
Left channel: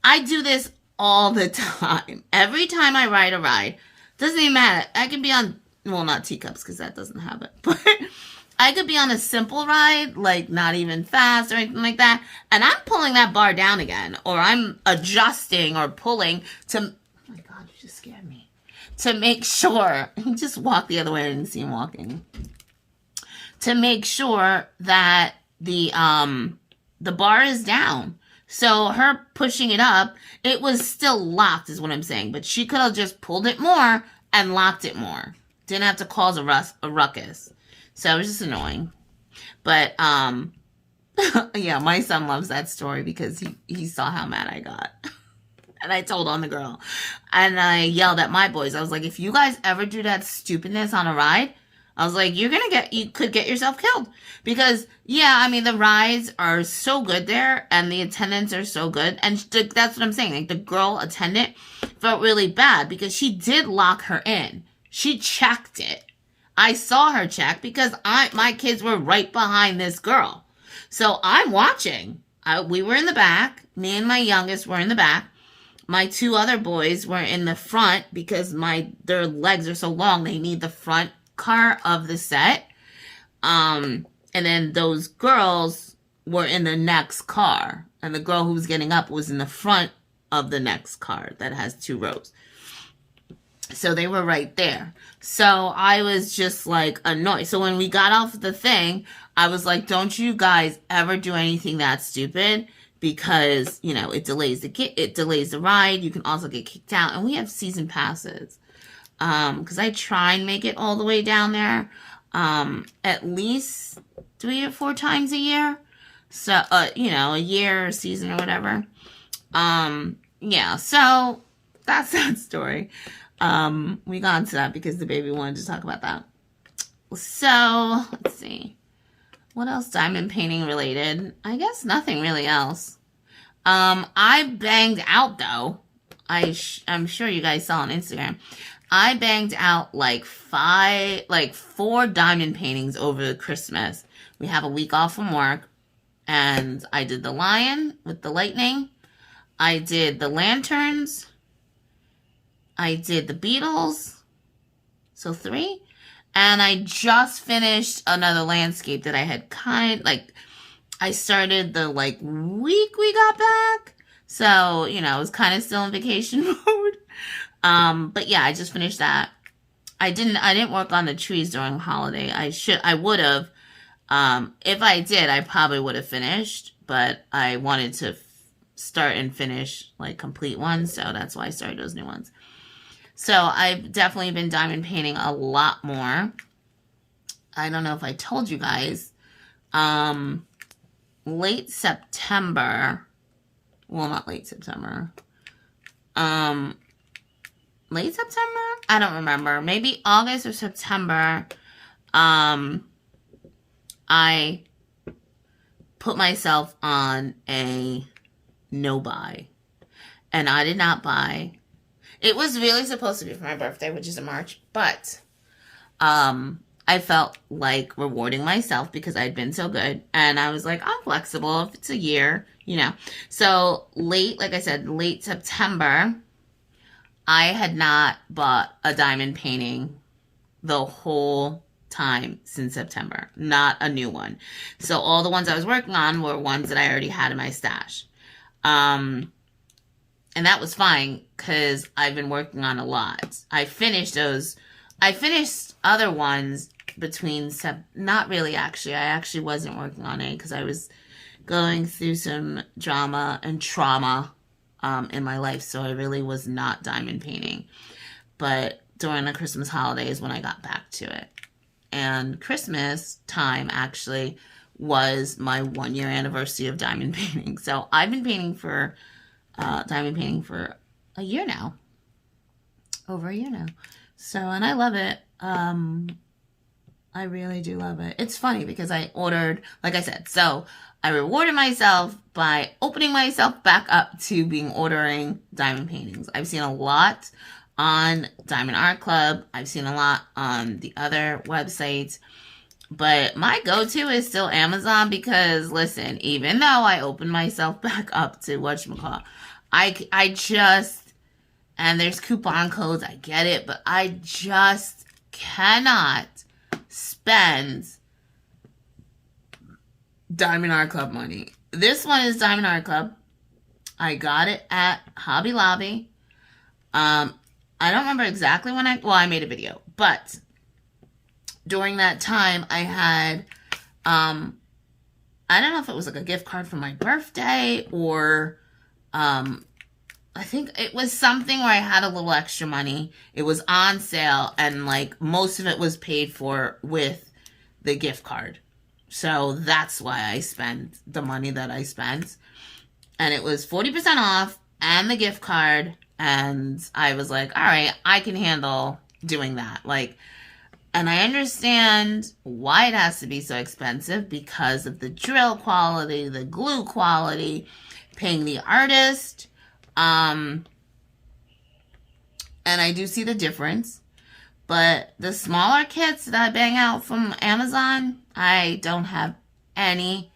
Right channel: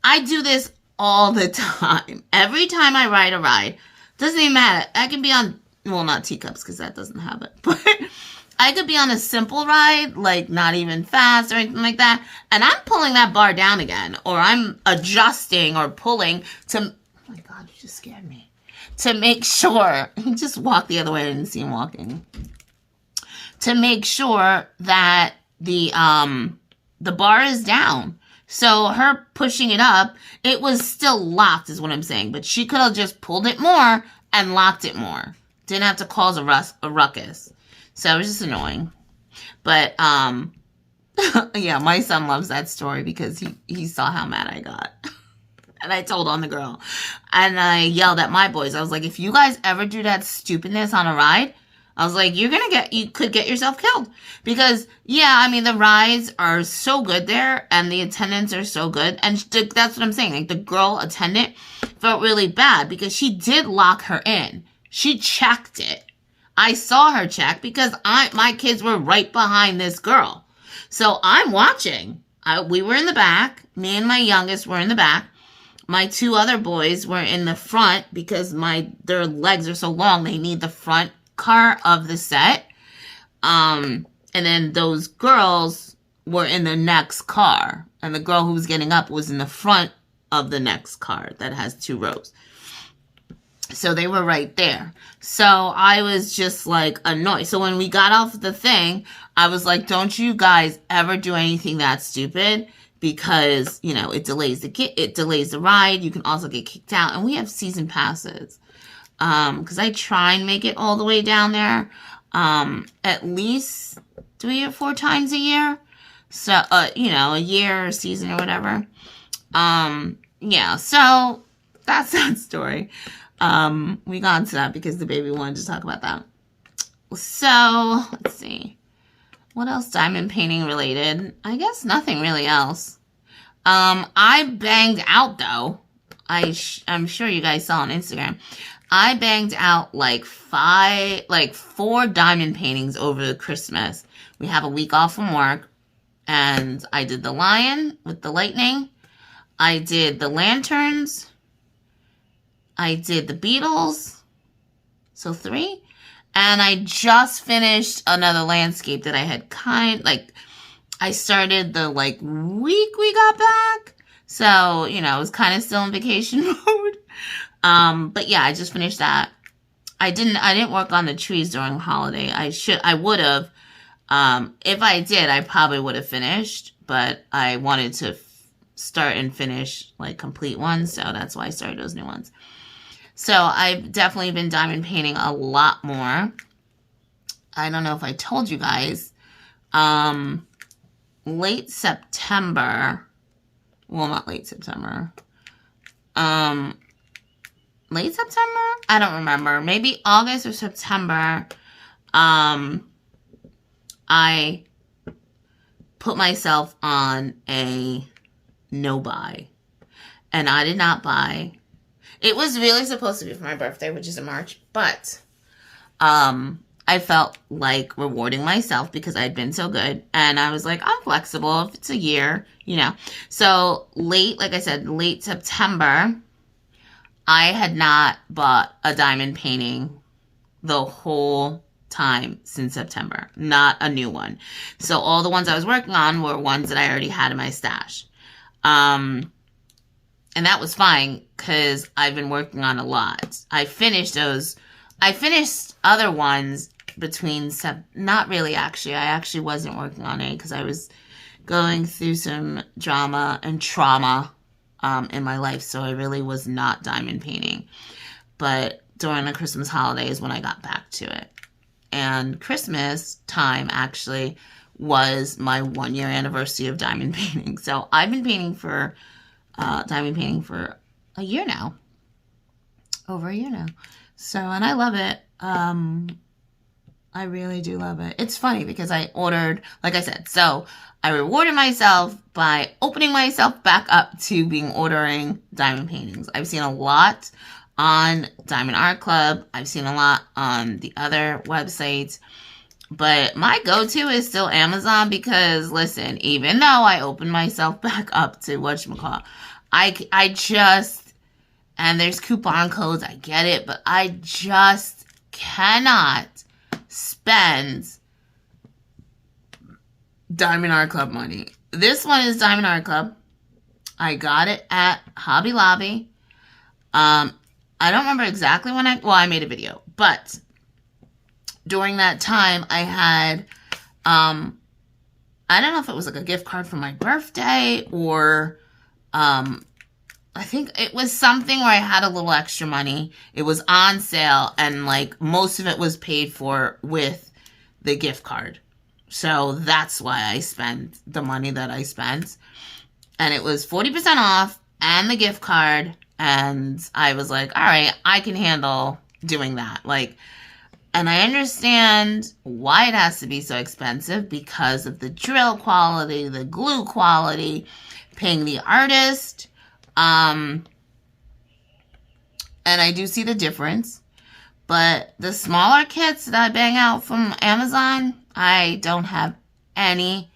I do this all the time. Every time I ride a ride, doesn't even matter. I can be on, well, not teacups, because that doesn't have it, but I could be on a simple ride, like not even fast or anything like that, and I'm pulling that bar down again, or I'm adjusting or pulling to, oh my God, you just scared me, to make sure, he just walked the other way, I didn't see him walking, to make sure that the bar is down. So her pushing it up, it was still locked is what I'm saying. But she could have just pulled it more and locked it more. Didn't have to cause a ruckus. So it was just annoying. But, yeah, my son loves that story because he saw how mad I got. And I told on the girl. And I yelled at my boys. I was like, if you guys ever do that stupidness on a ride, I was like, you could get yourself killed. Because, yeah, I mean, the rides are so good there, and the attendants are so good. And that's what I'm saying. Like, the girl attendant felt really bad because she did lock her in. She checked it. I saw her check because my kids were right behind this girl. So I'm watching. We were in the back. Me and my youngest were in the back. My two other boys were in the front because their legs are so long, they need the front car of the set. And then those girls were in the next car. And the girl who was getting up was in the front of the next car that has 2 rows. So they were right there. So I was just like annoyed. So when we got off the thing, I was like, don't you guys ever do anything that stupid, because, it delays the ride. You can also get kicked out. And we have season passes. Because I try and make it all the way down there at least 3 or 4 times a year. So, a year or season or whatever. Yeah, so that's that story. We got into that because the baby wanted to talk about that. So, let's see. What else diamond painting related? I guess nothing really else. I banged out, though. I'm sure you guys saw on Instagram. I banged out like 4 diamond paintings over Christmas. We have a week off from work, and I did the lion with the lightning. I did the lanterns. I did the Beatles. So 3. And I just finished another landscape that I had I started the week we got back. So, you know, I was kind of still in vacation mode. But yeah, I just finished that. I didn't work on the trees during the holiday. I would have. If I did, I probably would have finished, but I wanted to start and finish complete ones. So that's why I started those new ones. So I've definitely been diamond painting a lot more. I don't know if I told you guys, late September, well, not late September, late September? I don't remember. Maybe August or September, I put myself on a no buy. And I did not buy. It was really supposed to be for my birthday, which is in March, but I felt like rewarding myself because I'd been so good. And I was like, I'm flexible if it's a year, you know. So like I said, late September, I had not bought a diamond painting the whole time since September. Not a new one. So all the ones I was working on were ones that I already had in my stash. And that was fine because I've been working on a lot. I finished other ones not really actually. I actually wasn't working on it because I was going through some drama and trauma in my life. So I really was not diamond painting. But during the Christmas holidays when I got back to it. And Christmas time actually was my 1-year anniversary of diamond painting. So I've been painting for diamond painting for a year now. Over a year now. So, and I love it. I really do love it. It's funny because I ordered, like I said, so I rewarded myself by opening myself back up to ordering diamond paintings. I've seen a lot on Diamond Art Club. I've seen a lot on the other websites. But my go-to is still Amazon because, listen, even though I opened myself back up to whatchamacallit, I just, and there's coupon codes, I get it, but I just cannot spend Diamond Art Club money. This one is Diamond Art Club. I got it at Hobby Lobby. I don't remember exactly when I made a video, but during that time I had, I don't know if it was a gift card for my birthday or, I think it was something where I had a little extra money. It was on sale and most of it was paid for with the gift card. So that's why I spent the money that I spent. And it was 40% off and the gift card. And I was like, all right, I can handle doing that. And I understand why it has to be so expensive because of the drill quality, the glue quality, paying the artist. And I do see the difference. But the smaller kits that I bang out from Amazon, I don't have any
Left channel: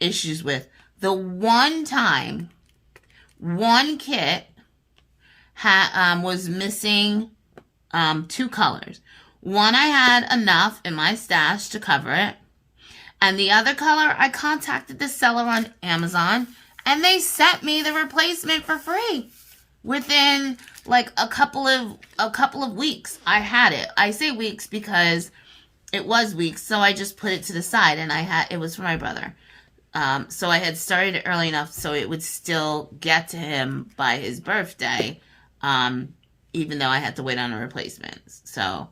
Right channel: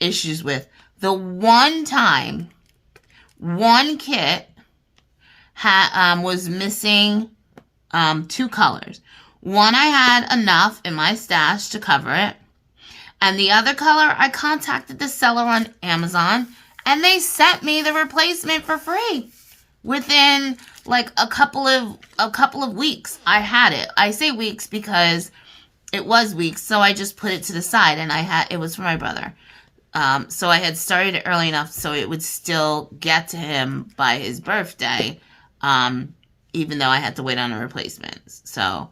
issues with. The one time, one kit was missing 2 colors. One I had enough in my stash to cover it. And the other color, I contacted the seller on Amazon and they sent me the replacement for free. Within a couple of weeks, I had it. I say weeks because it was weeks, so I just put it to the side and it was for my brother. So I had started it early enough so it would still get to him by his birthday, even though I had to wait on a replacement. So,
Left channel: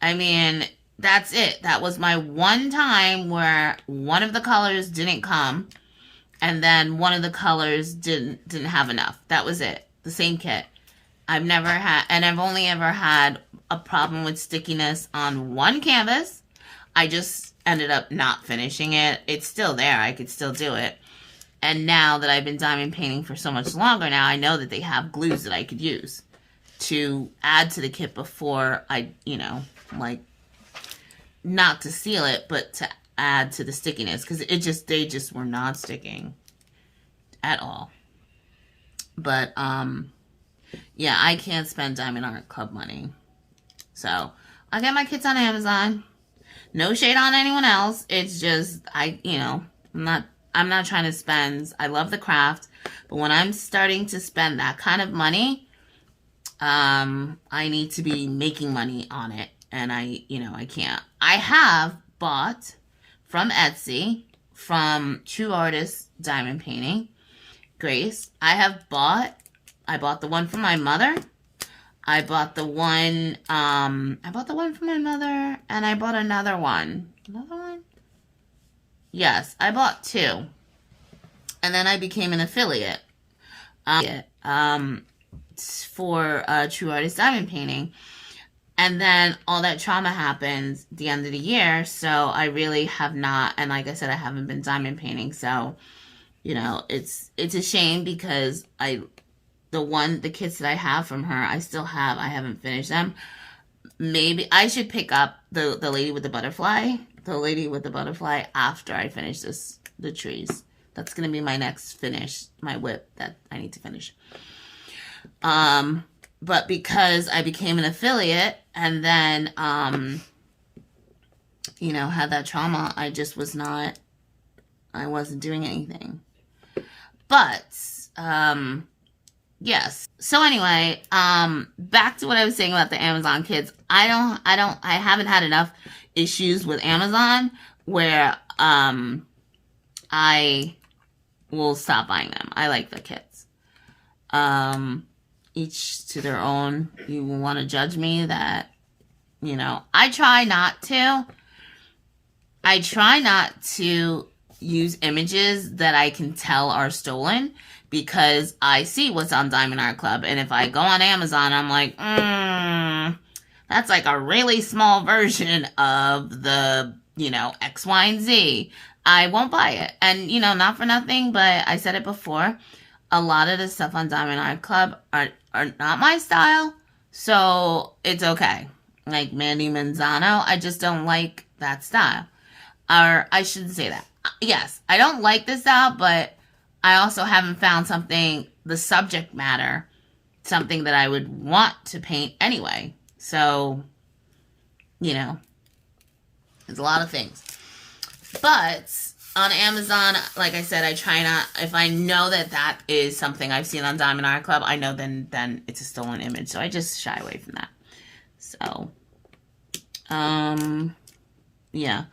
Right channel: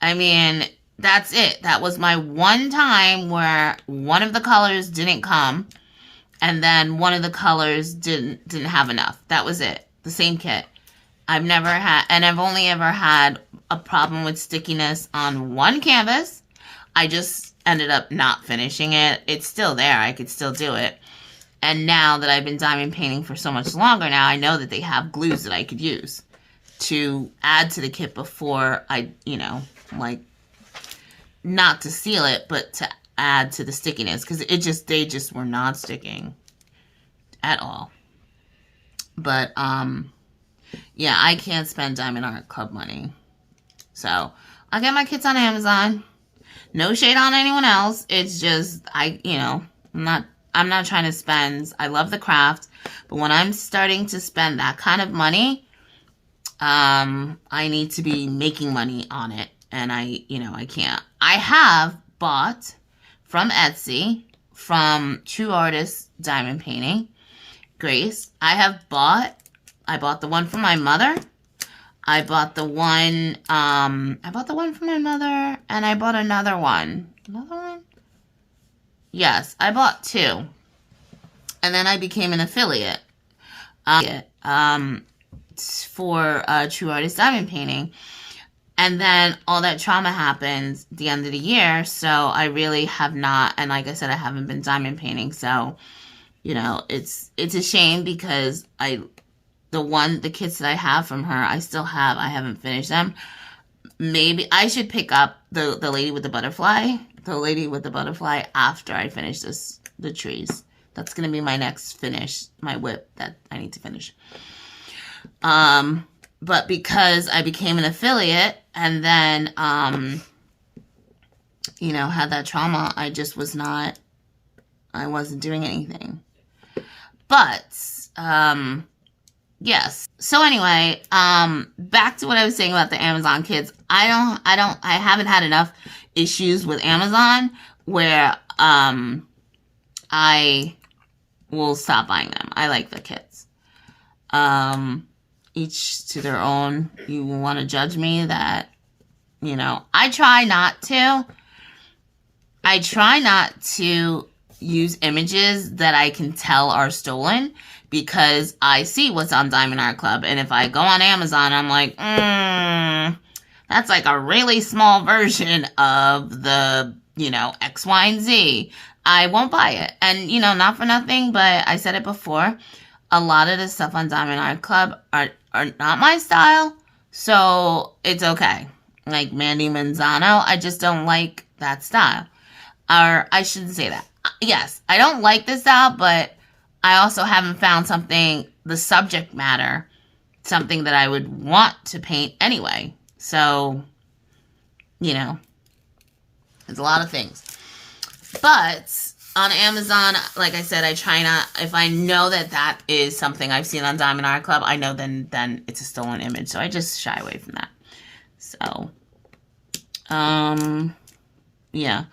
I mean, that's it. That was my one time where one of the colors didn't come, and then one of the colors didn't have enough. That was it. The same kit. I've only ever had a problem with stickiness on one canvas. I just ended up not finishing it. It's still there. I could still do it. And now that I've been diamond painting for so much longer now, I know that they have glues that I could use to add to the kit before I, like, not to seal it, but to add to the stickiness, because they just were not sticking at all. But, yeah, I can't spend Diamond Art Club money. So, I'll get my kits on Amazon. No shade on anyone else. It's just, I'm not trying to spend. I love the craft, but when I'm starting to spend that kind of money, I need to be making money on it. And I can't. I have bought from Etsy, from True Artist Diamond Painting, Grace. I bought the one for my mother. I bought the one for my mother, and I bought another one. Another one? Yes, I bought 2. And then I became an affiliate for True Artist Diamond Painting. And then all that trauma happened at the end of the year, so I really have not, and like I said, I haven't been diamond painting, so, it's a shame because the kits that I have from her, I haven't finished them. Maybe I should pick up the lady with the butterfly after I finish the trees. That's going to be my next finish, my WIP that I need to finish. But because I became an affiliate and then, had that trauma, I wasn't doing anything. But, yes. So anyway, back to what I was saying about the Amazon kids. I haven't had enough issues with Amazon where, I will stop buying them. I like the kits. Each to their own. You want to judge me that, I try not to use images that I can tell are stolen because I see what's on Diamond Art Club. And if I go on Amazon, I'm like, that's like a really small version of the, X, Y, and Z. I won't buy it. And, not for nothing, but I said it before. A lot of the stuff on Diamond Art Club are not my style, so it's okay. Like Mandy Manzano, I just don't like that style. Or I shouldn't say that. Yes, I don't like this style, but I also haven't found the subject matter, something that I would want to paint anyway. So, there's a lot of things. But on Amazon, like I said, I try not, if I know that is something I've seen on Diamond Art Club, I know then it's a stolen image. So I just shy away from that. So, yeah.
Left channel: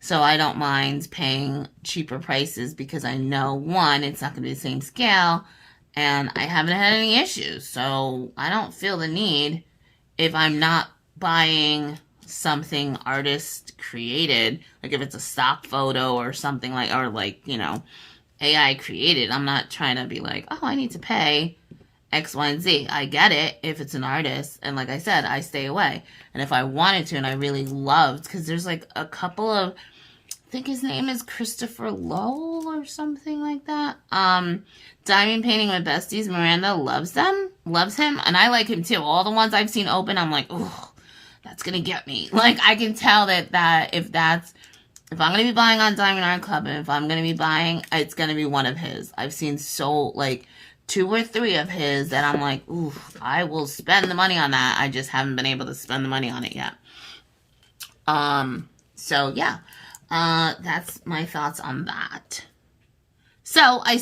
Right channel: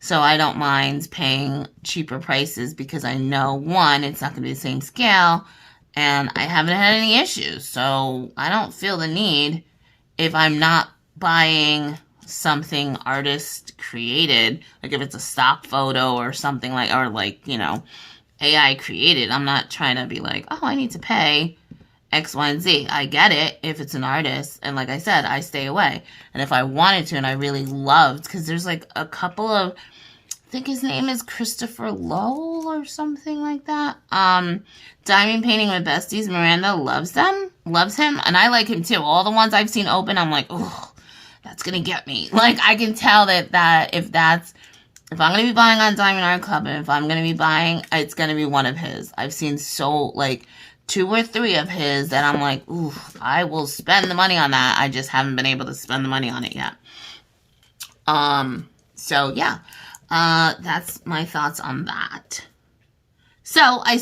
So I don't mind paying cheaper prices because I know, one, it's not going to be the same scale, and I haven't had any issues. So I don't feel the need, if I'm not buying something artist created, like if it's a stock photo or something AI created, I'm not trying to be like, oh, I need to pay X, Y, and Z. I get it if it's an artist, and like I said, I stay away. And if I wanted to, and I really loved, because there's like a couple of, I think his name is Christopher Lowell or something like that. Diamond Painting with Besties, Miranda loves him, and I like him too. All the ones I've seen open, I'm like, oh, that's gonna get me. Like, I can tell that if I'm gonna be buying on Diamond Art Club, and if I'm gonna be buying, it's gonna be one of his. I've seen 2 or 3 of his that I'm like, ooh, I will spend the money on that. I just haven't been able to spend the money on it yet. So yeah, that's my thoughts on that. So I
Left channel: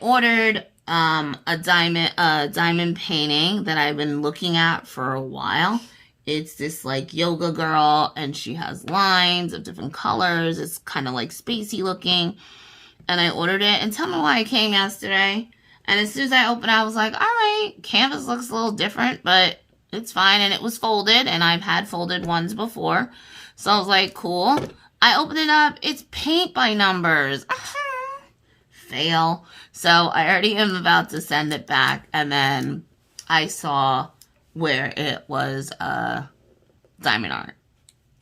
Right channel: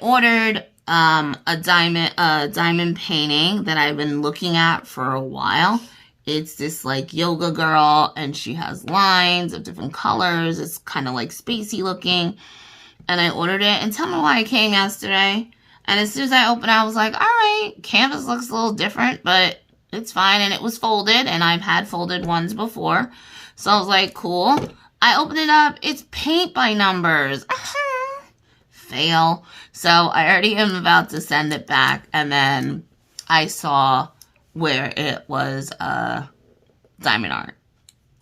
ordered a diamond painting that I've been looking at for a while. It's this like yoga girl, and she has lines of different colors. It's kind of like spacey looking. And I ordered it, and tell me why it came yesterday. And as soon as I opened it, I was like, all right, canvas looks a little different, but it's fine. And it was folded, and I've had folded ones before. So I was like, cool. I opened it up. It's paint by numbers. Fail. So I already am about to send it back. And then I saw where it was diamond art.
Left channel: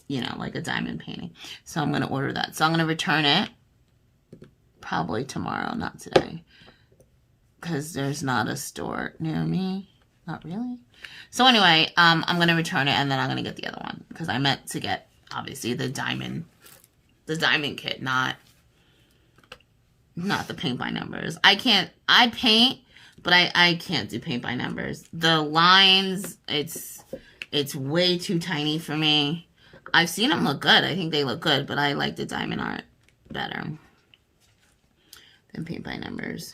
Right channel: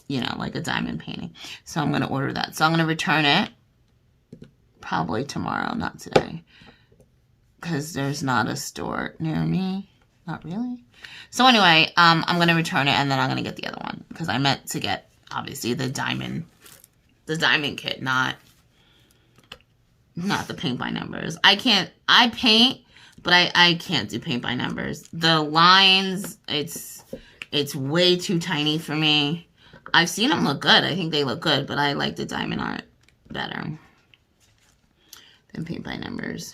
Like a diamond painting. So I'm going to order that. So I'm going to return it Probably tomorrow, not today. Because there's not a store near me. Not really. So anyway, I'm going to return it and then I'm going to get the other one. Because I meant to get, obviously, the diamond kit, not the paint by numbers. I paint, but I can't do paint by numbers. The lines, it's way too tiny for me. I've seen them look good. I think they look good, but I like the diamond art better than paint by numbers.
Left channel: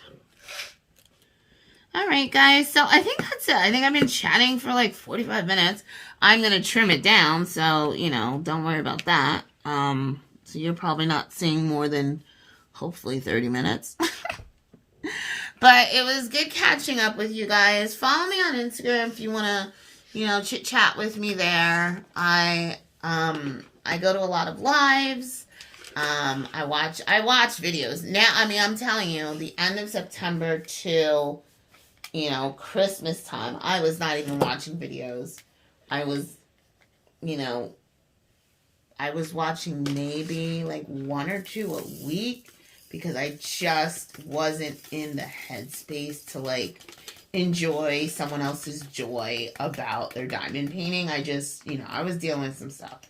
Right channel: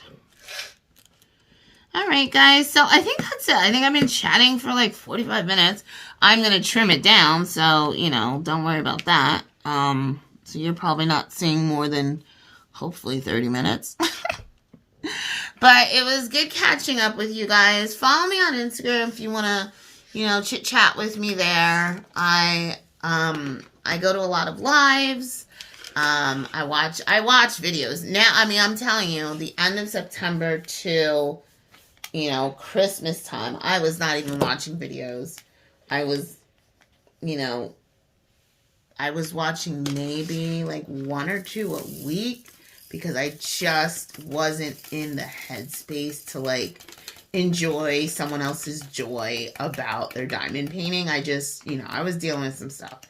All right, guys. So I think that's it. I think I've been chatting for like 45 minutes. I'm going to trim it down, so, you know, don't worry about that. So you're probably not seeing more than, hopefully, 30 minutes. But it was good catching up with you guys. Follow me on Instagram if you want to, you know, chit-chat with me there. I go to a lot of lives. I watch videos. Now, I mean, I'm telling you, the end of September till, you know, Christmas time, I was not even watching videos. I was, you know, I was watching maybe like 1 or 2 a week because I just wasn't in the headspace to like enjoy someone else's joy about their diamond painting. I just, you know, I was dealing with some stuff.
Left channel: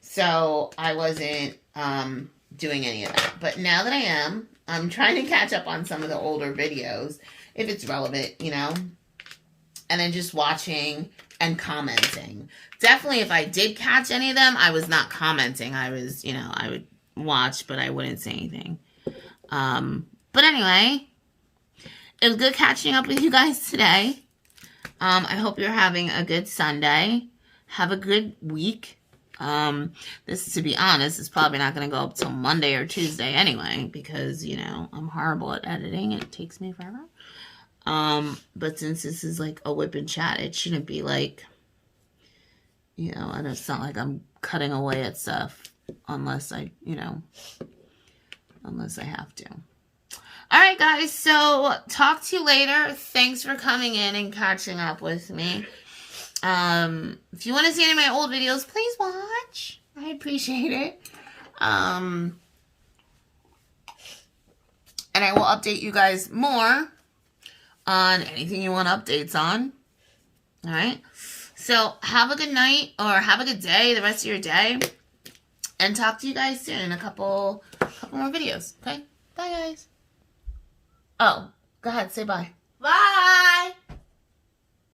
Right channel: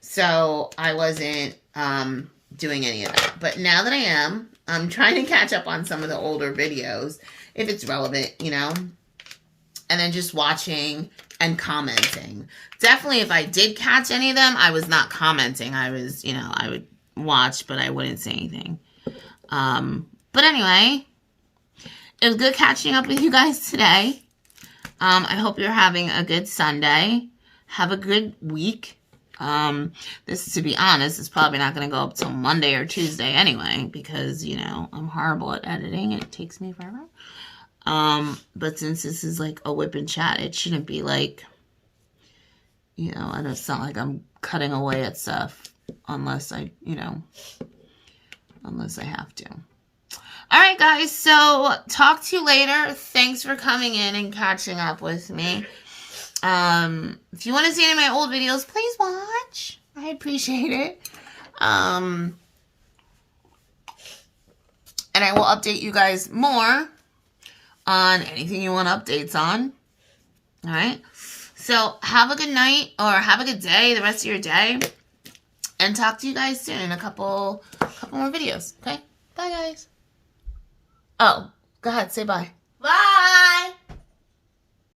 So I wasn't doing any of that. But now that I am, I'm trying to catch up on some of the older videos if it's relevant, you know, and then just watching and commenting. Definitely, if I did catch any of them, I was not commenting. I was, you know, I would watch, but I wouldn't say anything. But anyway, it was good catching up with you guys today. I hope you're having a good Sunday. Have a good week. This, to be honest, is probably not going to go up till Monday or Tuesday anyway, because, you know, I'm horrible at editing. It takes me forever. But since this is like a whip and chat, it shouldn't be like, you know, I don't sound like I'm cutting away at stuff unless I, you know, unless I have to. All right, guys. So talk to you later. Thanks for coming in and catching up with me. If you want to see any of my old videos, please watch. I appreciate it. And I will update you guys more on anything you want updates on. All right. So have a good night or have a good day, the rest of your day. And talk to you guys soon in a couple more videos. Okay? Bye, guys. Oh, go ahead. Say bye.